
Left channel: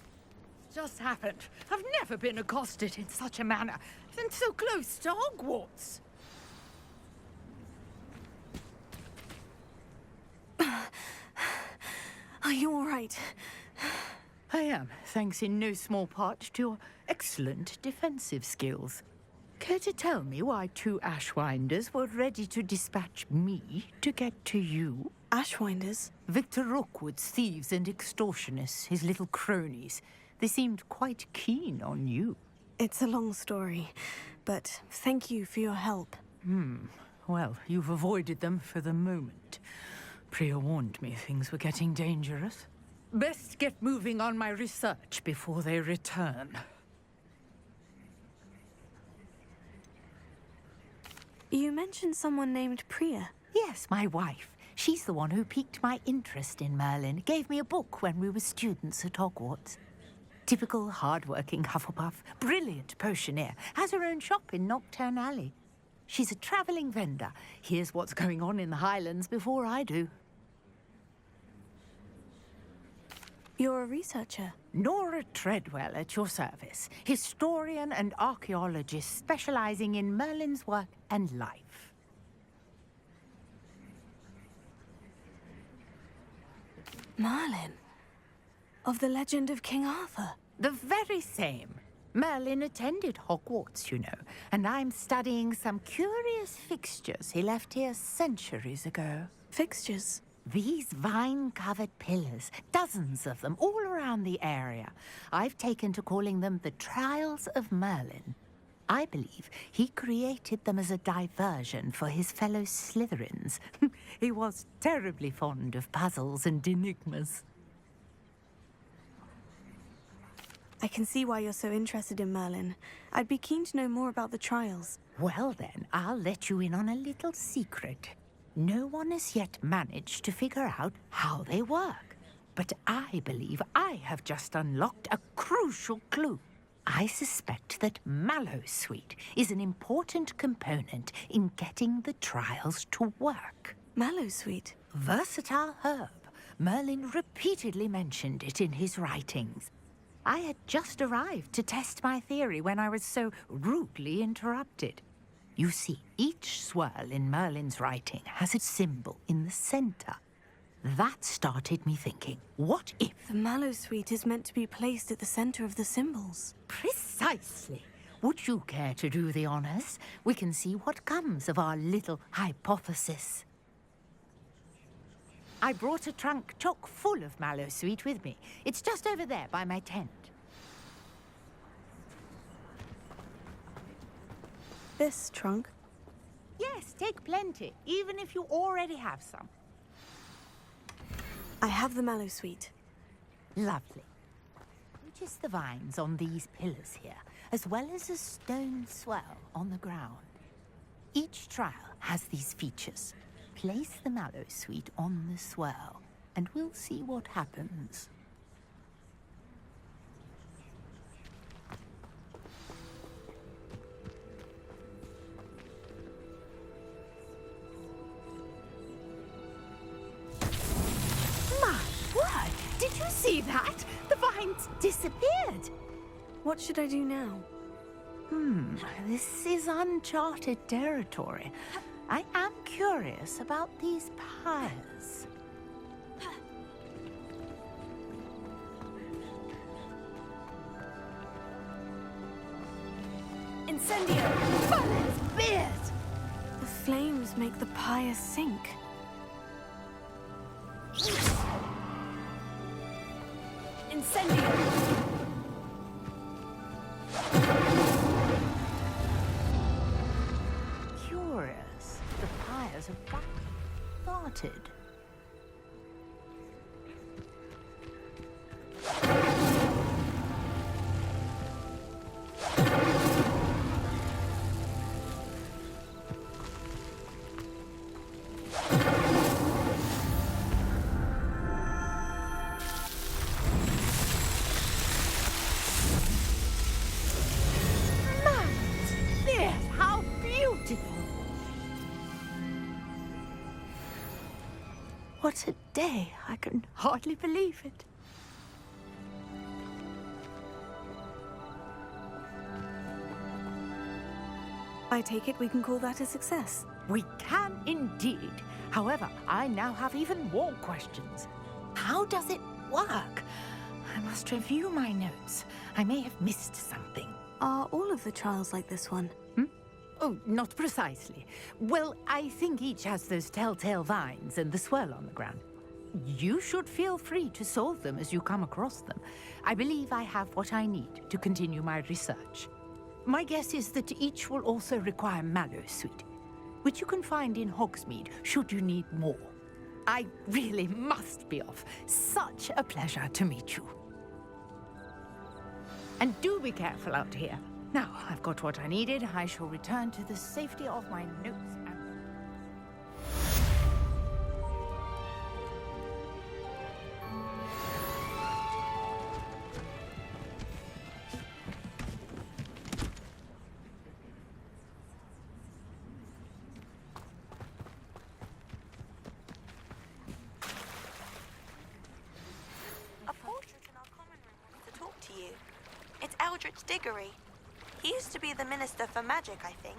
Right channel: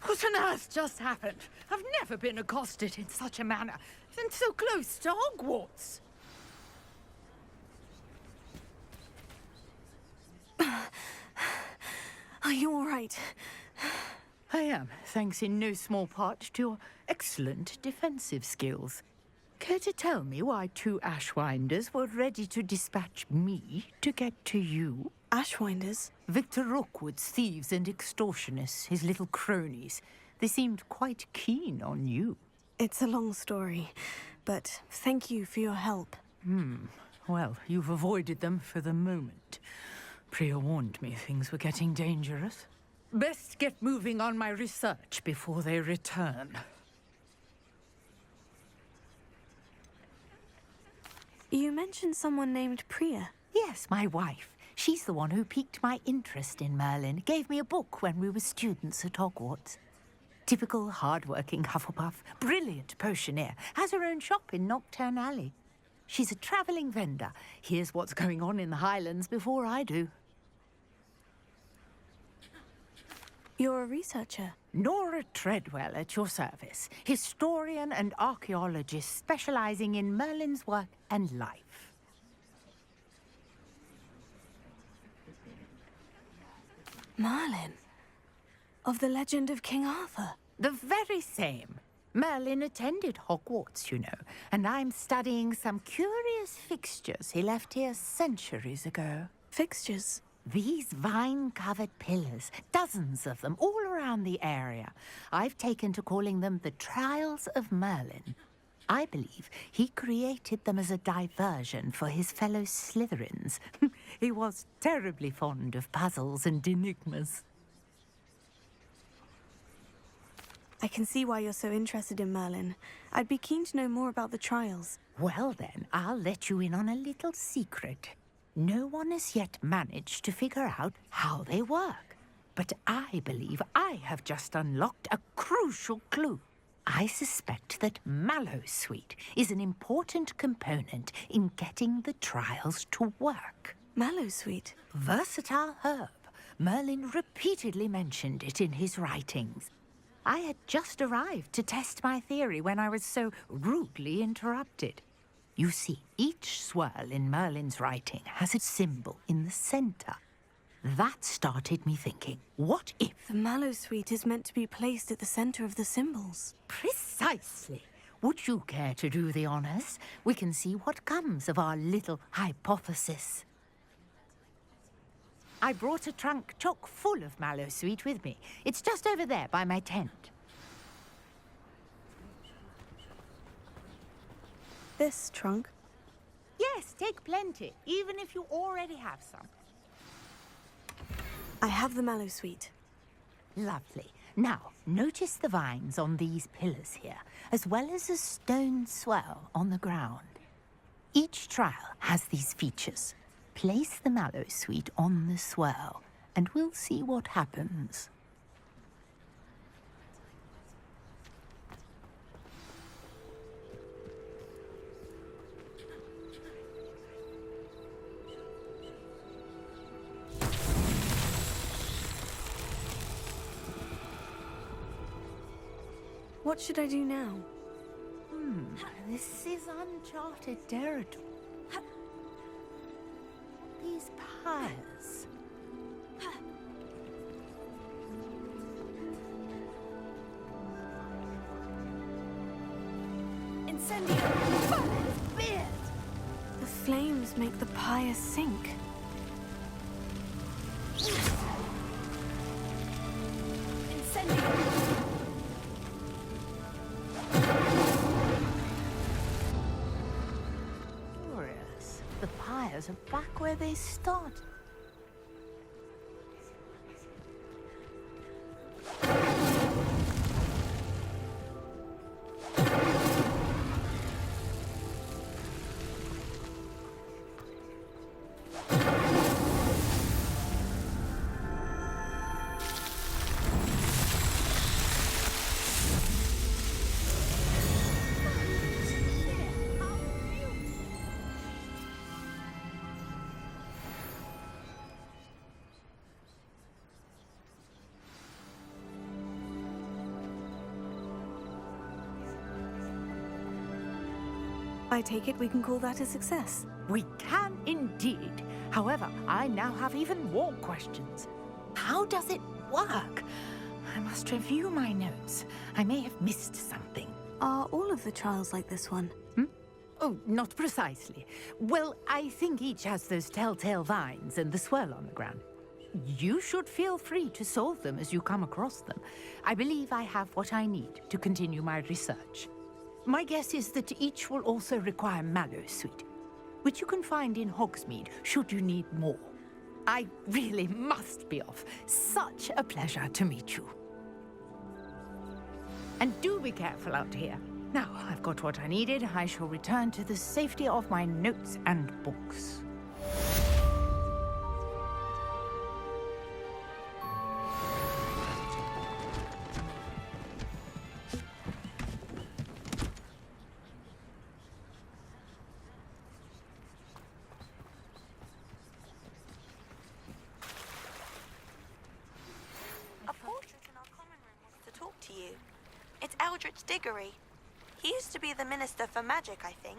What on earth just happened? I've never been accosted in such a manner, and so close to Hogwarts. Are you all right? I am, thanks in no small part to your excellent defensive skills. Care to tell me why 2 Ashwinders were ready to dispatch me to get to you? Ashwinders? Victor Rookwood's thieves and extortionists, his little cronies. They seemed quite keen on you. It's a long story, but thank you for your help. Well, you've avoided them for the moment. Priya warned me things were getting dangerous. Best get moving on my research before they return. You mentioned someone named Priya. Yes, my wife. She's the one who piqued my interest in Merlin. Gave me a book when we were students at Hogwarts. Typical hard-working Hufflepuff, brilliant potioneer, has her own shop in Nocturne Alley. She's a travelling vendor. Hears what's going on in the Highlands before I do. You're a researcher? Nora Treadwell at your service. Historian and archaeologist specialising in Merlin's work and life. Merlin? Of the legend of King Arthur? The very same. Merlin attended Hogwarts, you know, and I'm studying some curious fixtures he left here centuries ago. Fixtures? These vine-covered pillars, dozens of them, all around the area. I've taken to calling them the Trials of Merlin. I believe he created them as a diversion for his fellow Slytherins. He was terribly fond of puzzles and enigmas. I can see why you're so interested in Merlin. I'd be keen to know more about the trials. Well then, I'll let you in on a little secret. No one has yet managed to figure out how they work. But I believe I have just unlocked a crucial clue. I suspect that Mallowsweet is an important component in getting the trials to work. Mallowsweet? Versatile herb. Merlin repeatedly mentioned it in his writings. I had just arrived to test my theory when I was so rudely interrupted. You see, each swirl in Merlin's writing has a symbol in the center. That started me thinking, what if... The Mallowsweet is meant to be placed at the center of the symbols. Precisely. Would you care to do the honors? We can see what comes of our little hypothesis. I brought a trunk chock full of mallow sweet with me. It's just over there by my tent. This trunk? Yes, take plenty, even if you already have some. I have the mallow sweet. Lovely. Now, notice the vines on these pillars here, as well as a stone swell on the ground. Each trial has these features. Place the mallow sweet on the swell, and we'll see what happens. Did you see that? The vines disappeared. What should I do now? This is uncharted territory. I am curious about these pyres. Incendio! Merlin's beard! The flames make the pyre sink. Incendio! Curious. The pyres are back where they started. How beautiful! What a day. I can hardly believe it. I take it we can call that a success. We can indeed. However, I now have even more questions. How does it work? I must review my notes. I may have missed something. Are all of the trials like this one? Oh, not precisely. Well, I think each has those telltale vines and the swirl on the ground. You should feel free to solve them as you come across them. I believe I have what I need to continue my research. My guess is that each will also require mallow sweet, which you can find in Hogsmeade should you need more. I really must be off. Such a pleasure to meet you. And do be careful out here. Now, I've got what I needed. I shall return to the safety of my notes and books. A portrait in our common room wants to talk to you. It's Eldritch Diggory. He used to be the Minister for Magic, I think.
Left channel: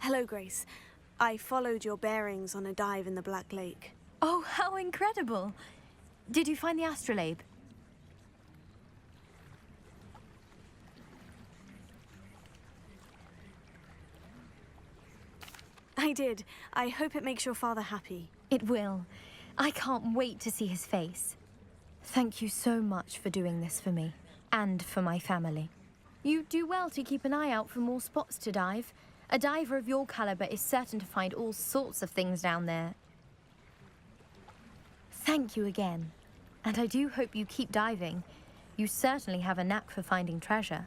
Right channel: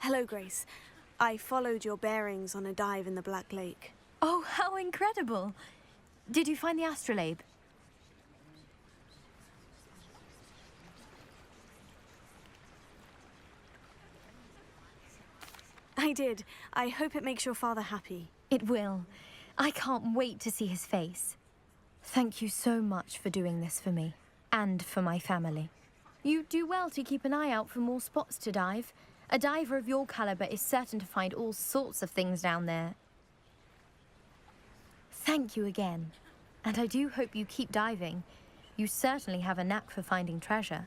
Hello, Grace. I followed your bearings on a dive in the Black Lake. Oh, how incredible! Did you find the astrolabe? I did. I hope it makes your father happy. It will. I can't wait to see his face. Thank you so much for doing this for me, and for my family. You do well to keep an eye out for more spots to dive. A diver of your caliber is certain to find all sorts of things down there. Thank you again. And I do hope you keep diving. You certainly have a knack for finding treasure.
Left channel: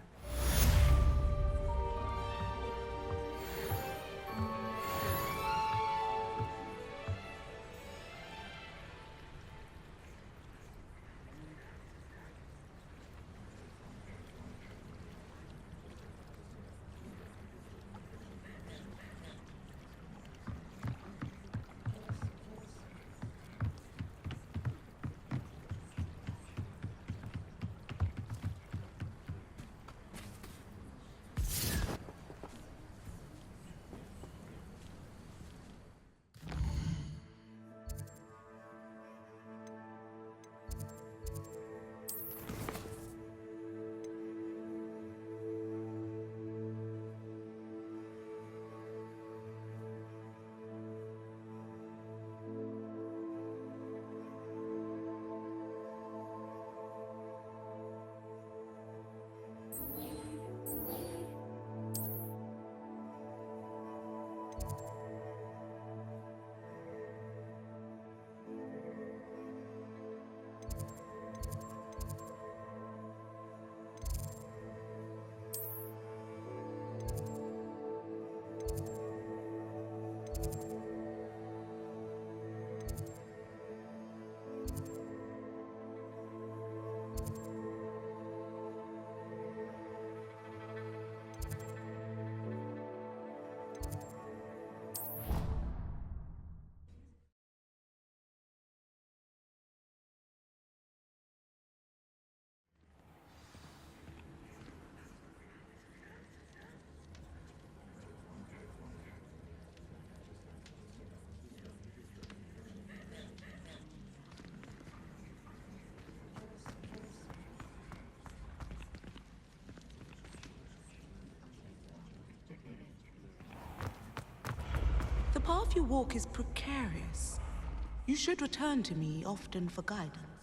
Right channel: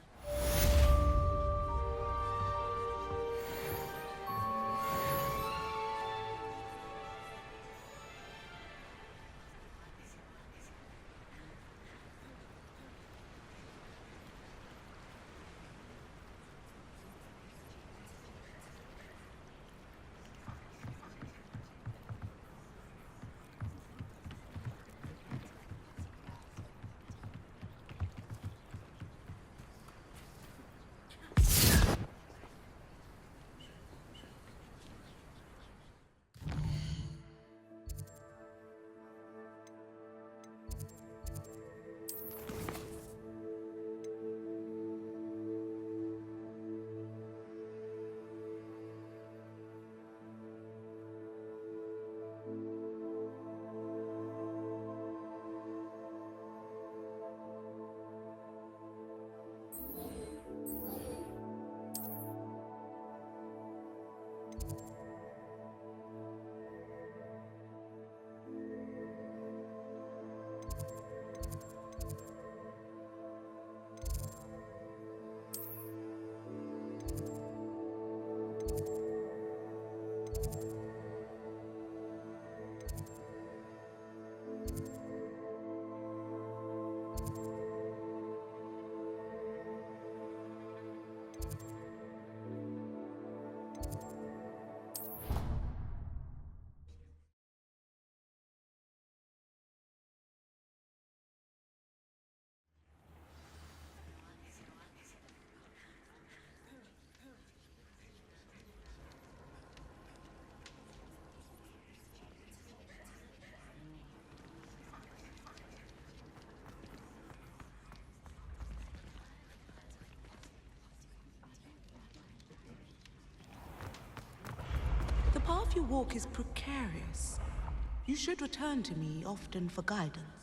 path you walk is precarious. You should return to me often for guidance.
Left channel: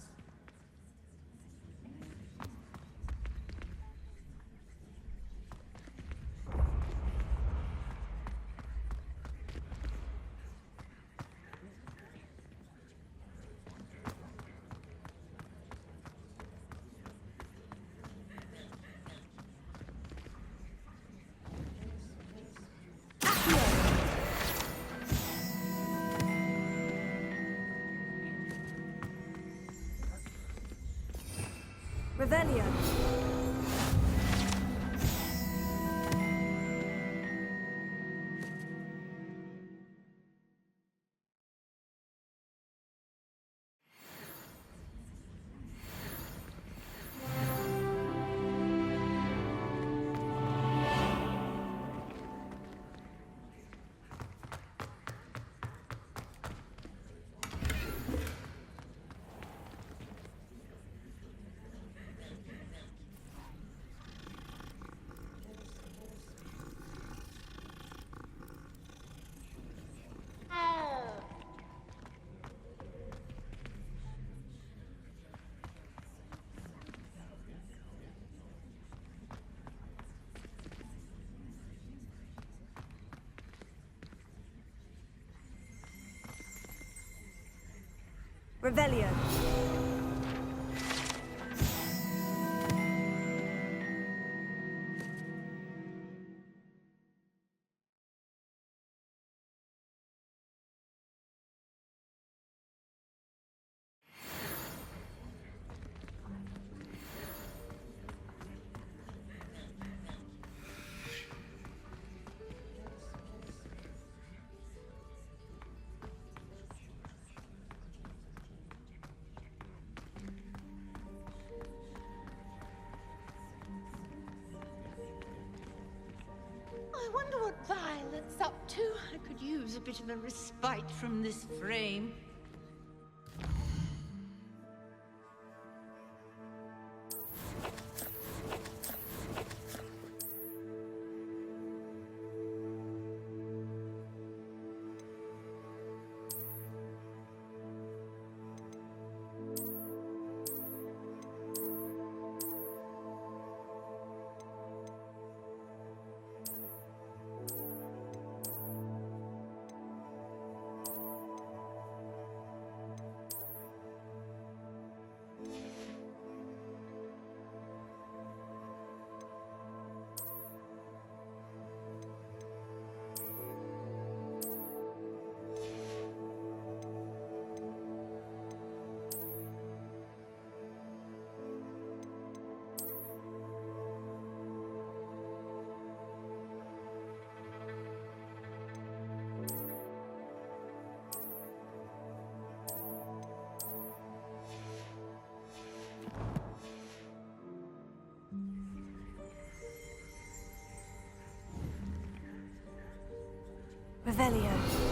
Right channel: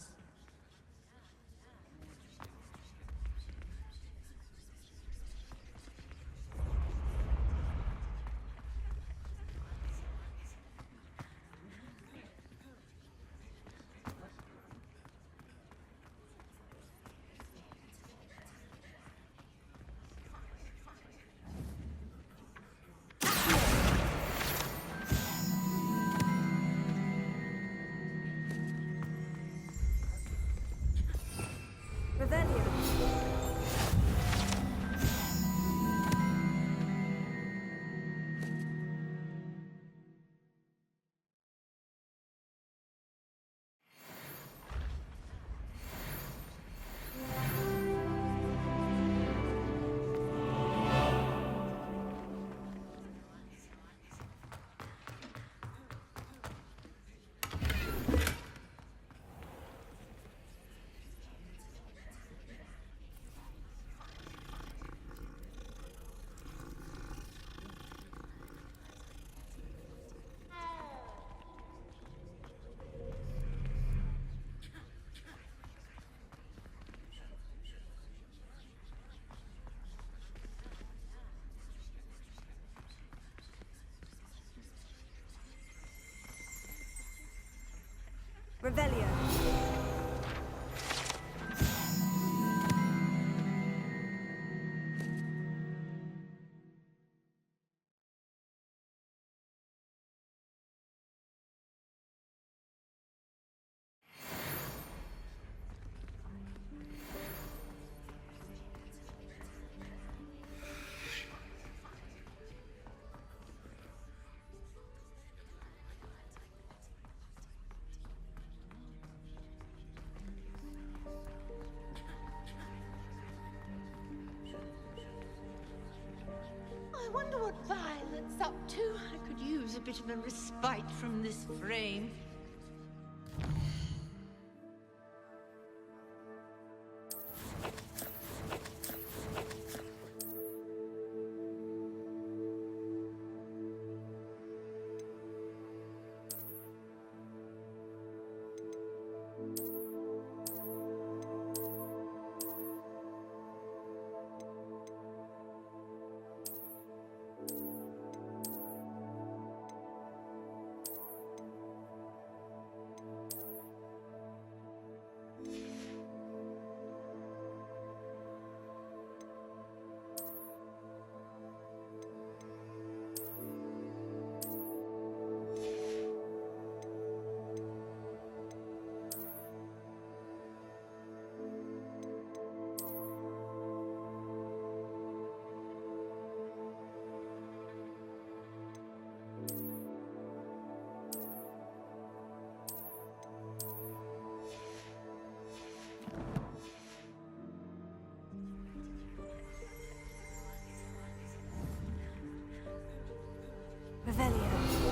Revelio. Revelio. I wonder what Violet's up to. I could use a bit of a respite from this frame. Revelio.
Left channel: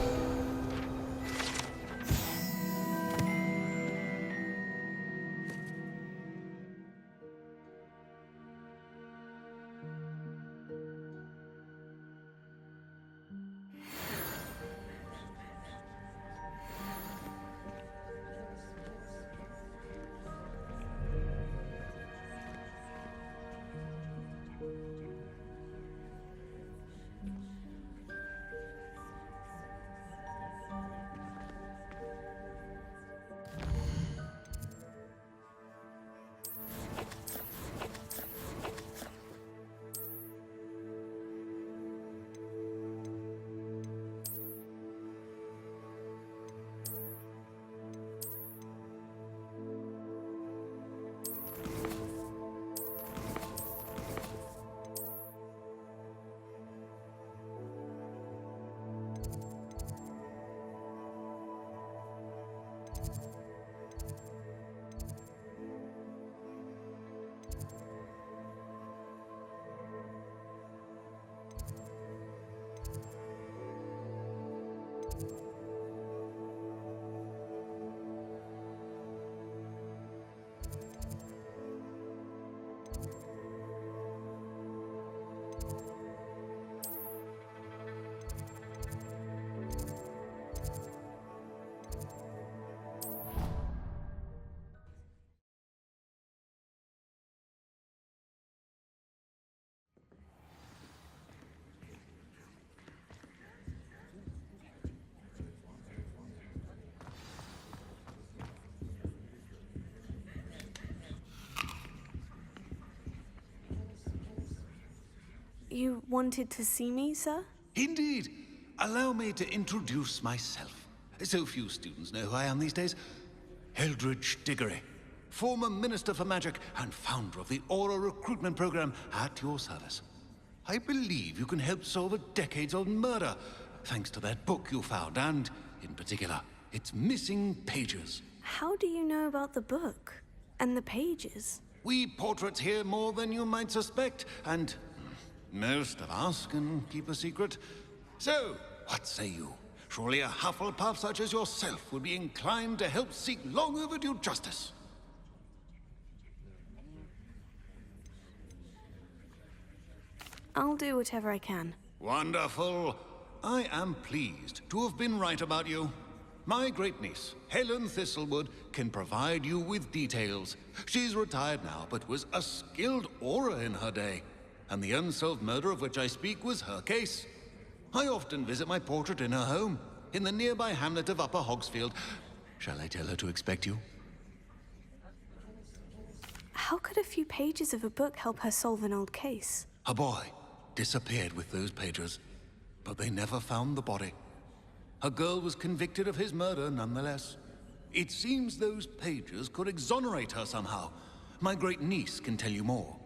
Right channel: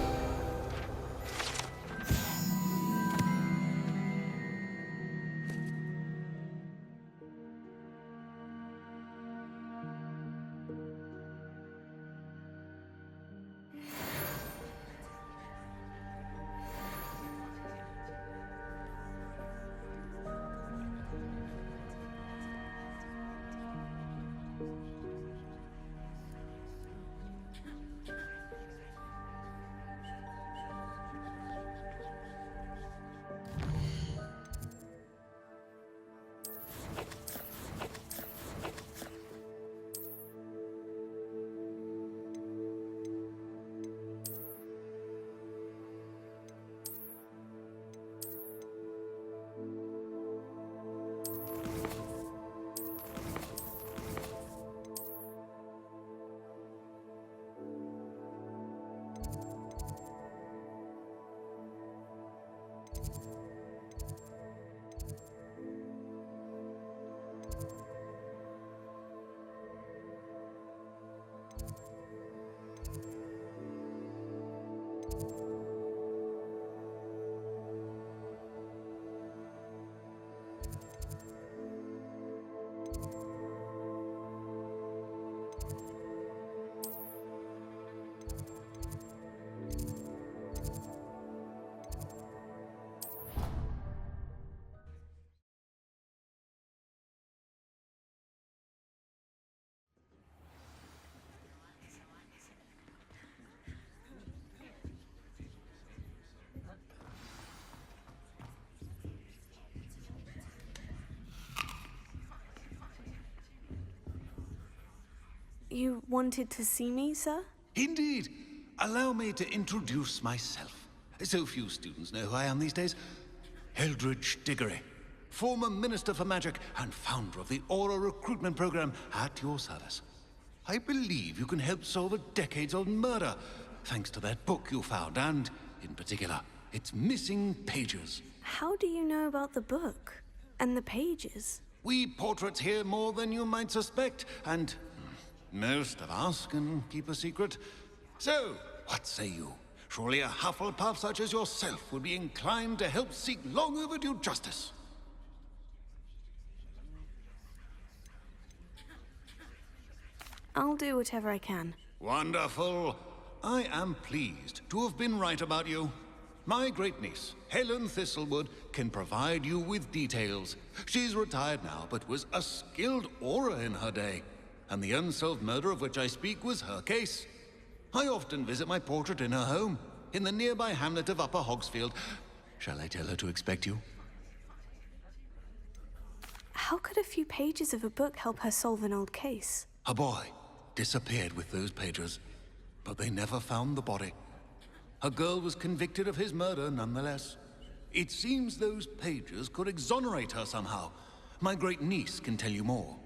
You wanted to see me, sir? Indeed. Allow me to introduce myself. So few students know who I am these days. Eldridge Diggory, former Minister for Magic and founder of the Aura Recruitment Program, at your service. I believe you can help solve a decades-old murder, thanks to that book you found, and, in particular, its missing pages. How do you know about the book? And the pages? We portraits hear more than you might suspect, and most of us can keep a secret. So, what say you? Surely a Hufflepuff such as yourself would be inclined to help seek long overdue justice. I'll do whatever I can. Wonderful. I am pleased to have been right about you. My great-niece, Helen Thistlewood, can provide you with details. She's retired now, but was a skilled aura in her day. And the unsolved murder of which I speak was her case. I often visit my portrait in her home, in the nearby hamlet of Upper Hogsfield. Shall I tell her to expect you? How could a few pages of a book help her solve an old case? A boy disappeared with those pages, but they never found the body. A girl was convicted of his murder nonetheless. It seems those pages could exonerate her somehow. My great-niece can tell you more.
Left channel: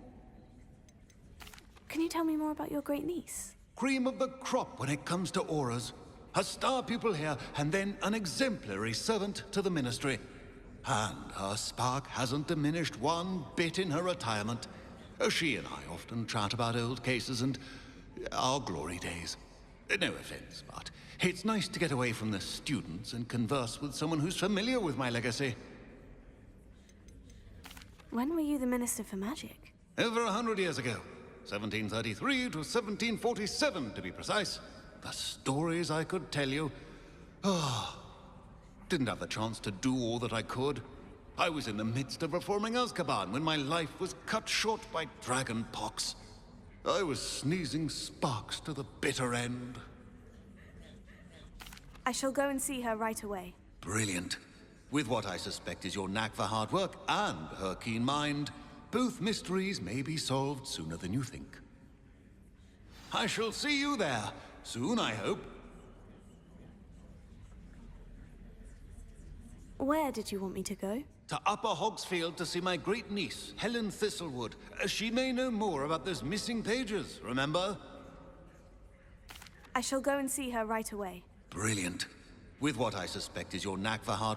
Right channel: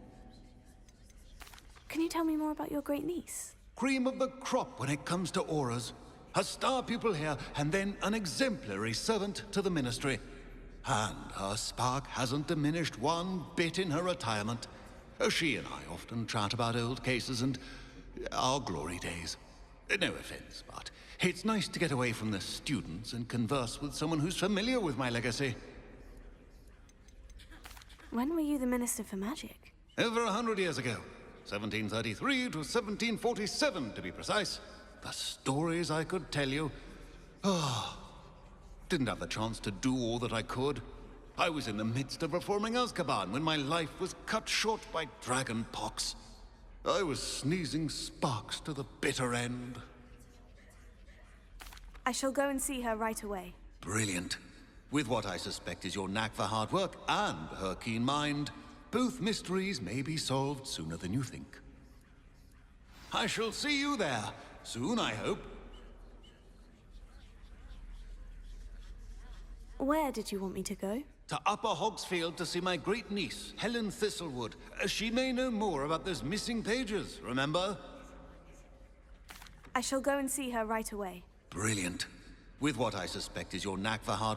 Can you tell me more about your great-niece? Cream of the crop when it comes to auras. A star pupil here, and then an exemplary servant to the ministry. And her spark hasn't diminished one bit in her retirement. She and I often chat about old cases and our glory days. No offense, but it's nice to get away from the students and converse with someone who's familiar with my legacy. When were you the Minister for Magic? Over 100 years ago. 1733 to 1747, to be precise. The stories I could tell you. Didn't have the chance to do all that I could. I was in the midst of reforming Azkaban when my life was cut short by dragon pox. I was sneezing sparks to the bitter end. I shall go and see her right away. Brilliant. With what I suspect is your knack for hard work and her keen mind, both mysteries may be solved sooner than you think. I shall see you there, soon I hope. Where did you want me to go? To Upper Hogsfield to see my great-niece, Helen Thistlewood. She may know more about those missing pages, remember? I shall go and see her right away. Brilliant. With what I suspect is your knack for hard work.